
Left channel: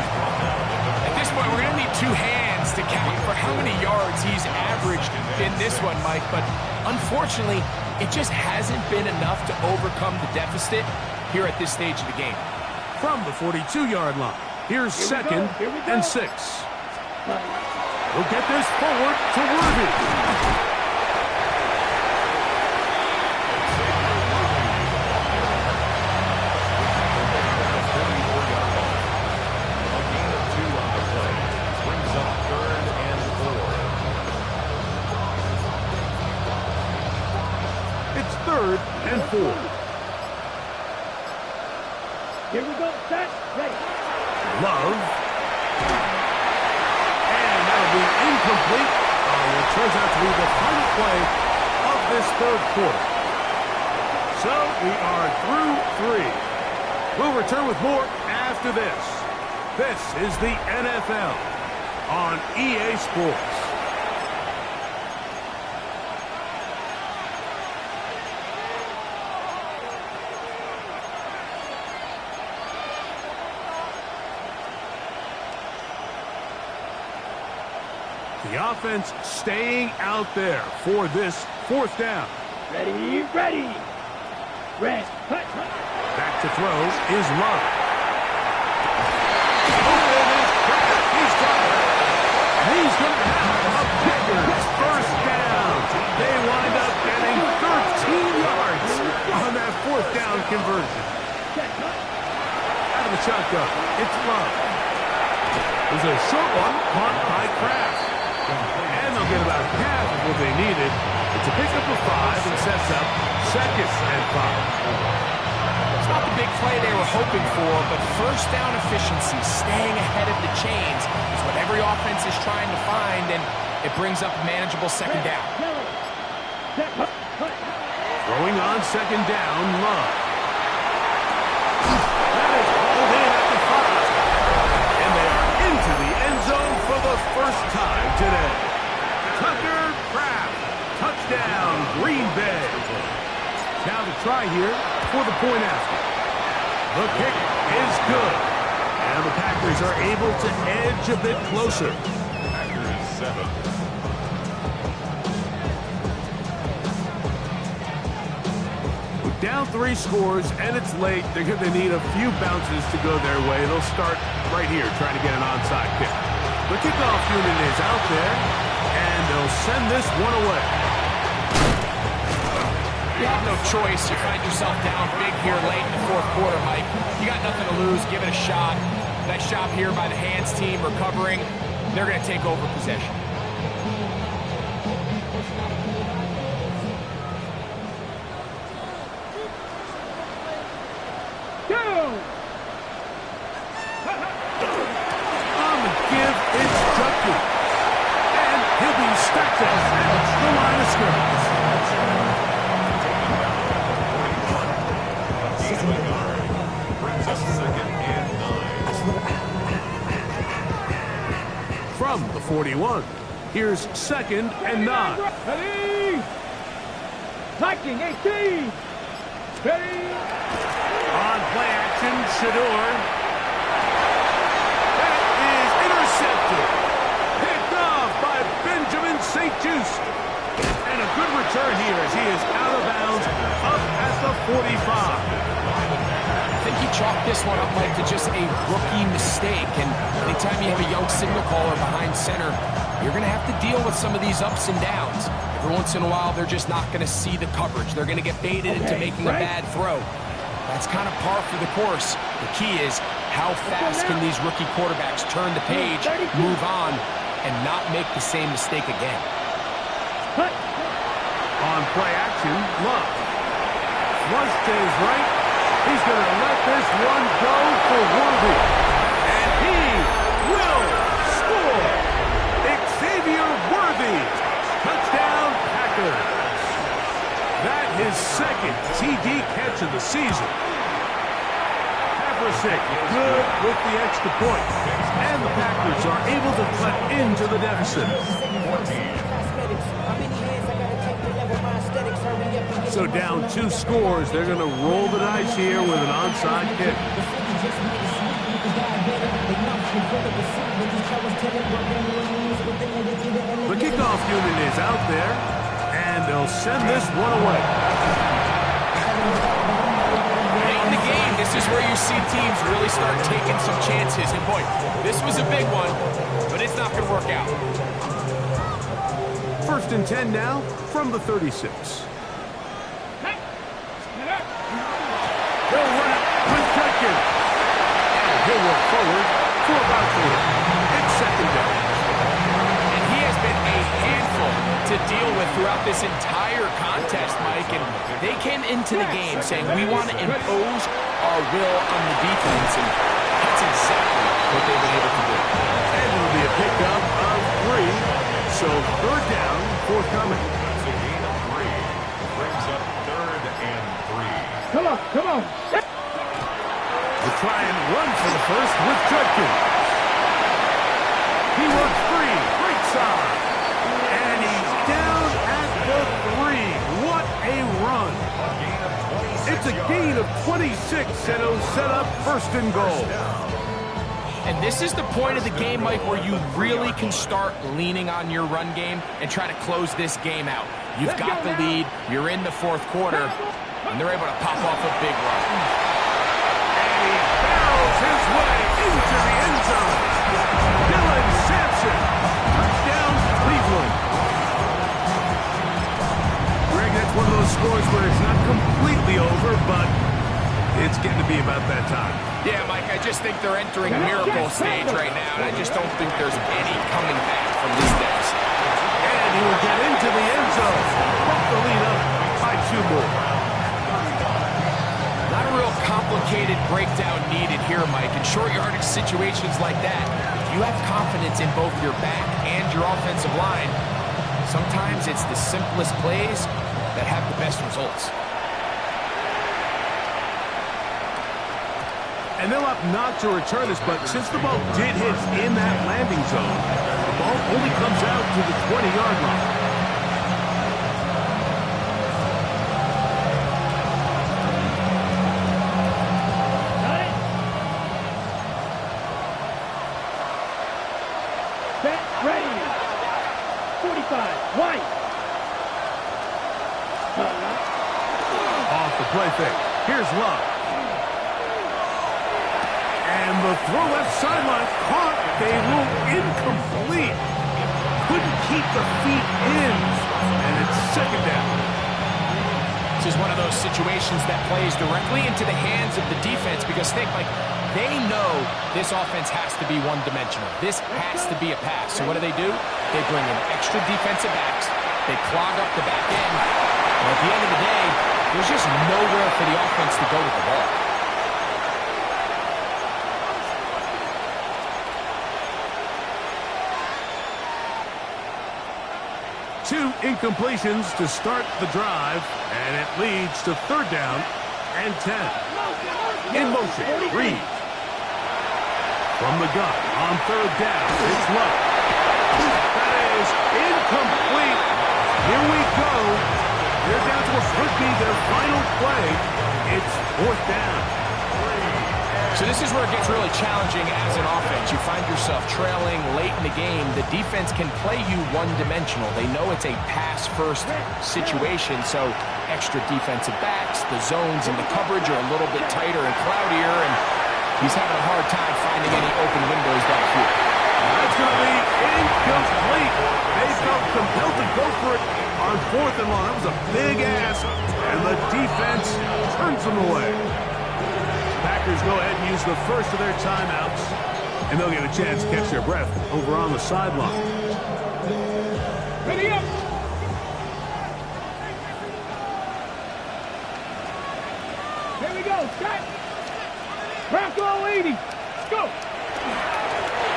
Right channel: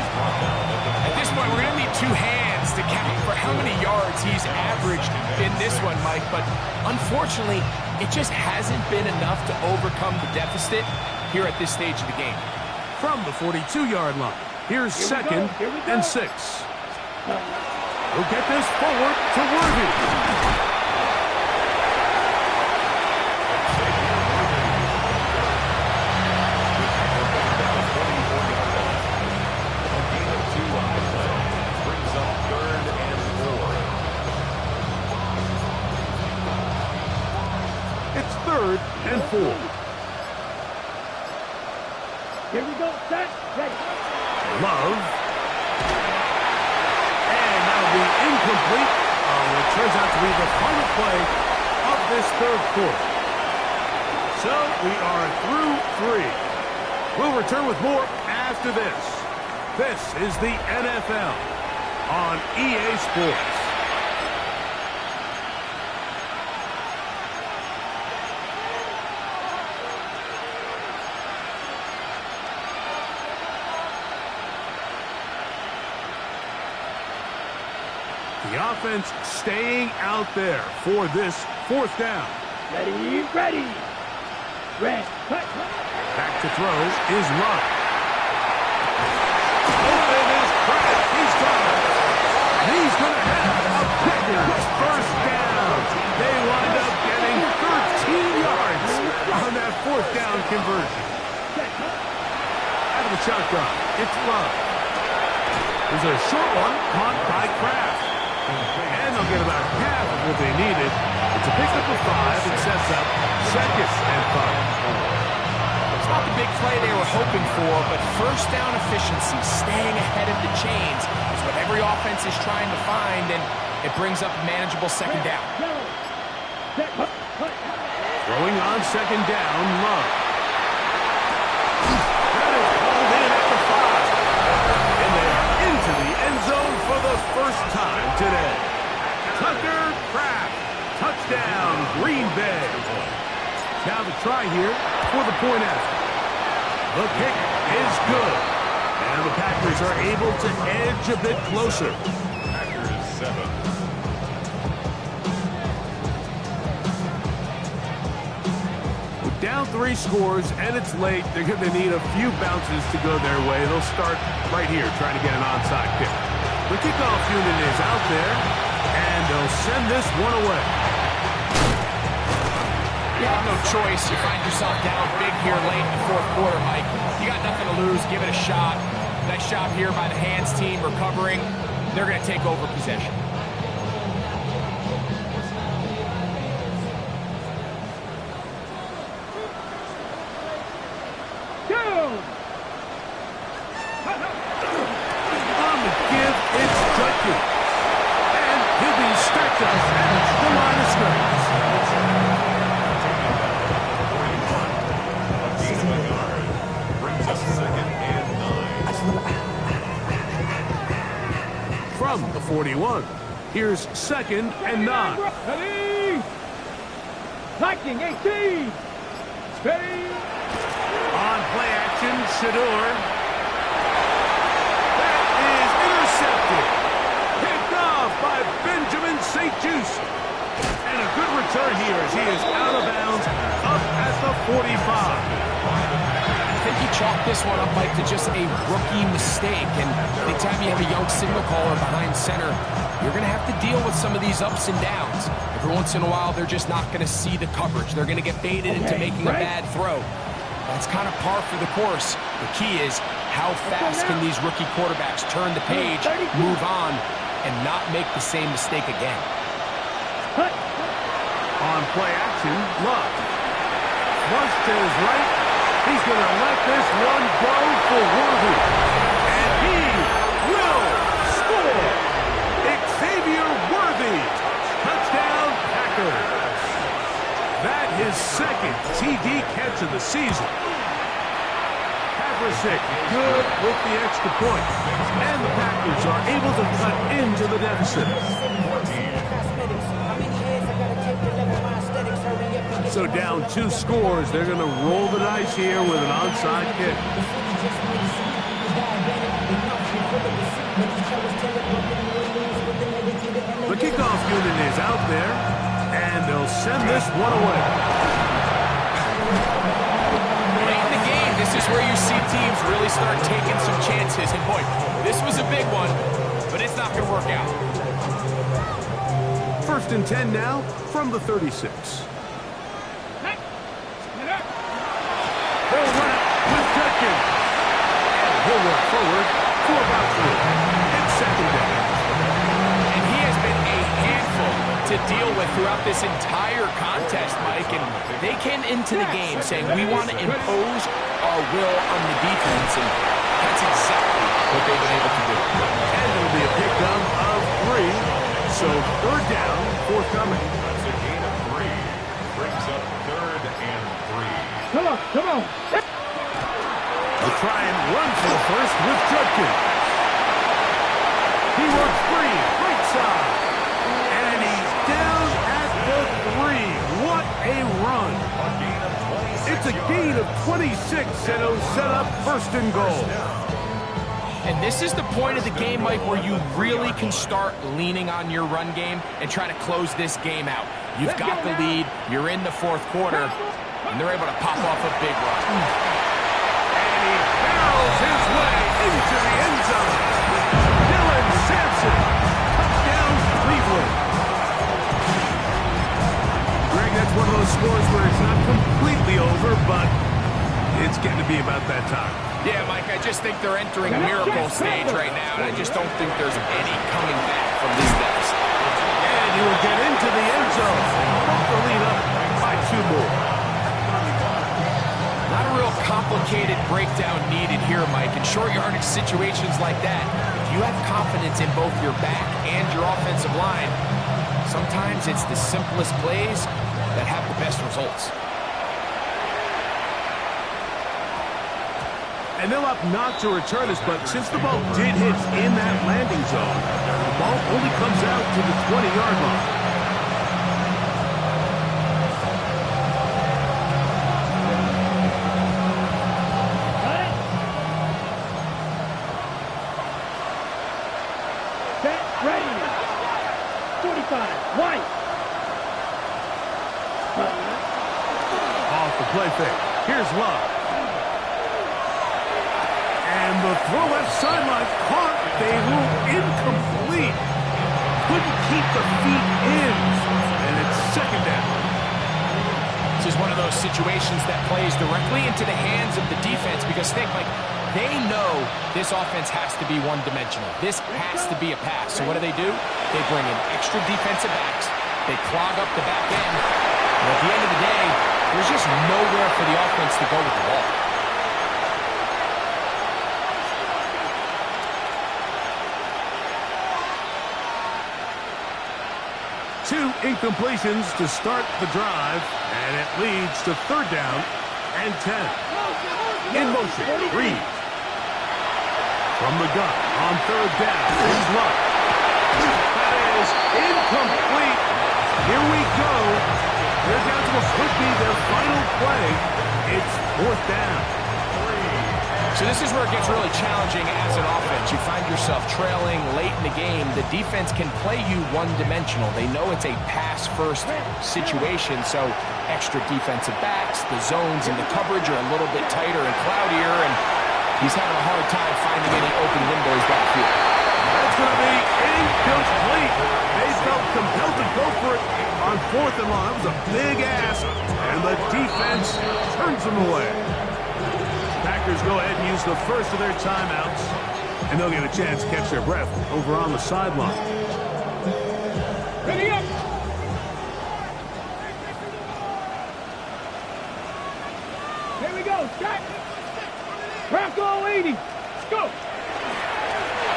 At this point, we're going to need 2 hands to count for how many yards he's averaged in this one, Mike. But unfortunately, it just hasn't been enough to overcome the deficit here at this stage of the game. From the 42-yard line, here's Here we go. 2nd Here we go. and 6. We'll get this forward to Worthy. It's 3rd and 4. Here we go. Set. Ready. Love. And that'll be incomplete on what turns out to be the final play of this 3rd quarter. So we are through 3. We'll return with more after this. This is the NFL on EA Sports. The offense staying out there for this 4th down. Ready. Ready. Red. Cut. Back to throw is Love. Open is Kraft. He's got it. And he's going to have a Packers 1st down. They wind up getting 13 yards on that 4th down conversion. Out of the shotgun, it's Love. There's a short one caught by Kraft. And they'll get about half of what they needed. It's a pickup of 5 and sets up 2nd and 5. It's not the big play they were hoping for, but first down efficiency, staying ahead of the chains, is what every offense is trying to find, and it brings up a manageable second down. Throwing on second down, Love. That is hauled in at the 5. And they are into the end zone for the first time today. Tucker Kraft. Touchdown, Green Bay. Now the try here for the point after. The kick is good. And the Packers are able to edge a bit closer. Packers 7. With down 3 scores and it's late, they're going to need a few bounces to go their way. They'll start right here trying to get an onside kick. The kickoff unit is out there, and they'll send this one away. You have no choice. You find yourself down big here late in the fourth quarter, Mike. You got nothing to lose. Give it a shot. Nice job here by the hands team recovering. They're going to take over possession. On the give, it's Judkins. And he'll be stacked up at the line of scrimmage. Taken down at the 41. A gain of a yard. Brings up second and 9. From the 41, here's second and 9. Ready? Viking 18. Ready? On play action, Shador. That is intercepted. Picked off by Benjamin St-Juste. And a good return here as he is out of bounds up at the 45. I think he chalked this one up, Mike, to just a rookie mistake. And anytime you have a young signal caller behind center, you're going to have to deal with some of these ups and downs. Every once in a while, they're just not going to see the coverage. They're going to get baited into making a bad throw. That's kind of par for the course. The key is how fast can these rookie quarterbacks turn the page, move on, and not make the same mistake again. On play action, Love. Flush to his right. He's going to let this one go for Worthy. And he will score. Xavier Worthy. Touchdown, Packers. That his second TD catch of the season. Havrasek good with the extra point. And the Packers are able to cut into the deficit. So down 2 scores, they're going to roll the dice here with an onside kick. The kickoff unit is out there, and they'll send this one away. Late in the game, this is where you see teams really start taking some chances. And boy, this was a big one, but it's not going to work out. First and 10 now from the 36. They'll run it with Judkins. And he'll work forward for about 3. It's second down. And he has been a handful to deal with throughout this entire contest, Mike. And they came into the game saying, we want to impose our will on the defense. And that's exactly what they've been able to do. And it'll be a pickup of 3. So third down, forthcoming. That's a gain of 3. Brings up third and 3. Come on, come on. They'll try and run for the first with Judkins. He works free, right side. And he's down at the 3. What a run. A gain of 26 It's a gain of 26, and it'll set up first and goal. And this is the point of the game, Mike, where you really can start leaning on your run game and try to close this game out. You've got the lead, you're in the fourth quarter, and they're able to pop off a big run. And he barrels his way into the end zone. Dylan Sampson, touchdown Cleveland. Greg, that's one of those scores where it's not completely over, but it's getting to be about that time. Yeah, Mike, I just think they're entering a miracle stage right now, and I just don't think there's any coming back from this deficit. And he will get into the end zone. Bump the lead up by 2 more. Not a real complicated breakdown needed here, Mike. In short yardage situations like that, if you have confidence in both your back and your offensive line, sometimes it's the simplest plays that have the best results. And they'll opt not to return this, but since the ball did hit in that landing zone, the ball only comes out to the 20-yard line. Got it? Set, ready. 45, White. Off the play fake. Here's Love. And the throw left sideline caught. They rule incomplete. Couldn't keep the feet in. And it's second down. This is one of those situations that plays directly into the hands of the defense because they know this offense has to be one-dimensional. This has to be a pass. So what do? They bring in extra defensive backs. They clog up the back end. And at the end of the day, there's just nowhere for the offense to go with the ball. Two incompletions to start the drive, and it leads to third down and 10. In motion, Reed. From the gun, on third down, it's Love. That is incomplete. Here we go. They're down to what could be their final play. It's fourth down. So this is where it gets really challenging as an offense. You find yourself trailing late in the game. The defense can play you one-dimensional. They know it's a pass-first situation, so extra defensive backs, the zones and the coverage are a little bit tighter and cloudier, and he's having a hard time finding any open windows downfield. That's going to be incomplete. They felt compelled to go for it on fourth and long. That was a big ask, and the defense turns them away. Packers go ahead and use the first of their timeouts, and they'll get a chance to catch their breath over on the sideline. Ready up. Here we go, Scott. Bronco 80. Let's go.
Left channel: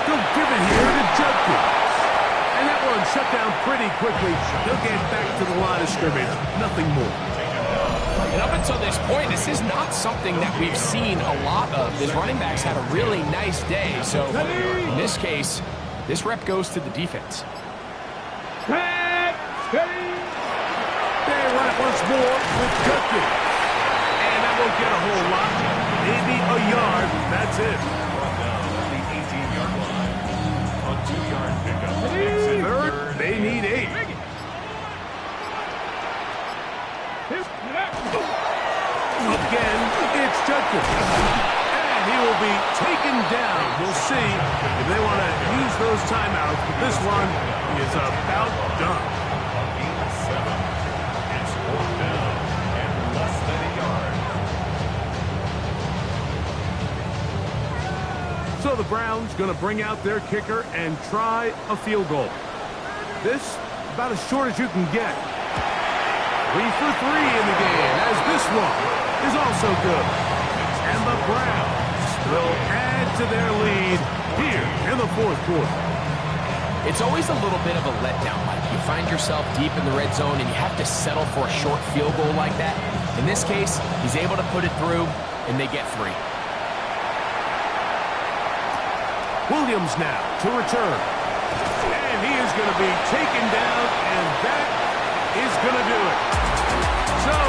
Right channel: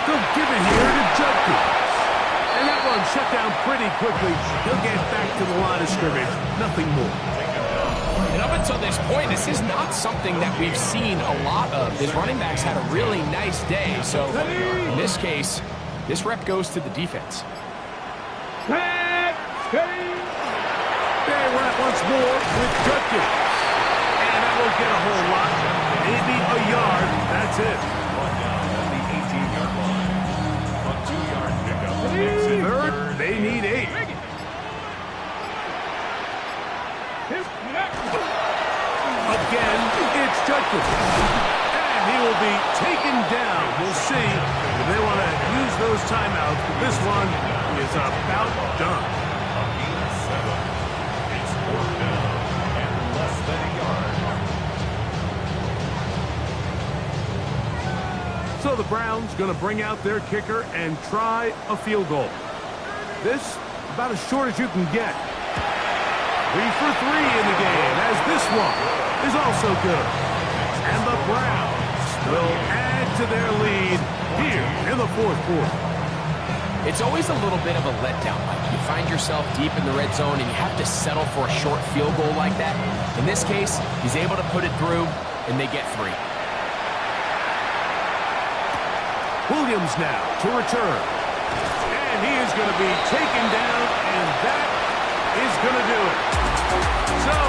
They'll give it here to Judkins. And that one shut down pretty quickly. He'll get back to the line of scrimmage. Nothing more. And up until this point, this is not something that we've seen a lot of. This running back's had a really nice day. So in this case, this rep goes to the defense. Set, steady. They run it once more with Judkins. And that won't get a whole lot. Maybe a yard. That's it. Brought down at the 18-yard line. A 2-yard pickup. Third, they need 8. Again, it's Judkins. And he will be taken down. We'll see if they want to use those timeouts. But this one is about done. A gain of 7. It's fourth down and less than a yard. So the Browns going to bring out their kicker and try a field goal. This about as short as you can get. 3 for 3 in the game, as this one is also good. And the Browns will add to their lead here in the fourth quarter. It's always a little bit of a letdown, Mike. You find yourself deep in the red zone, and you have to settle for a short field goal like that. In this case, he's able to put it through, and they get 3. Williams now to return. And he is going to be taken down, and that is going to do it. So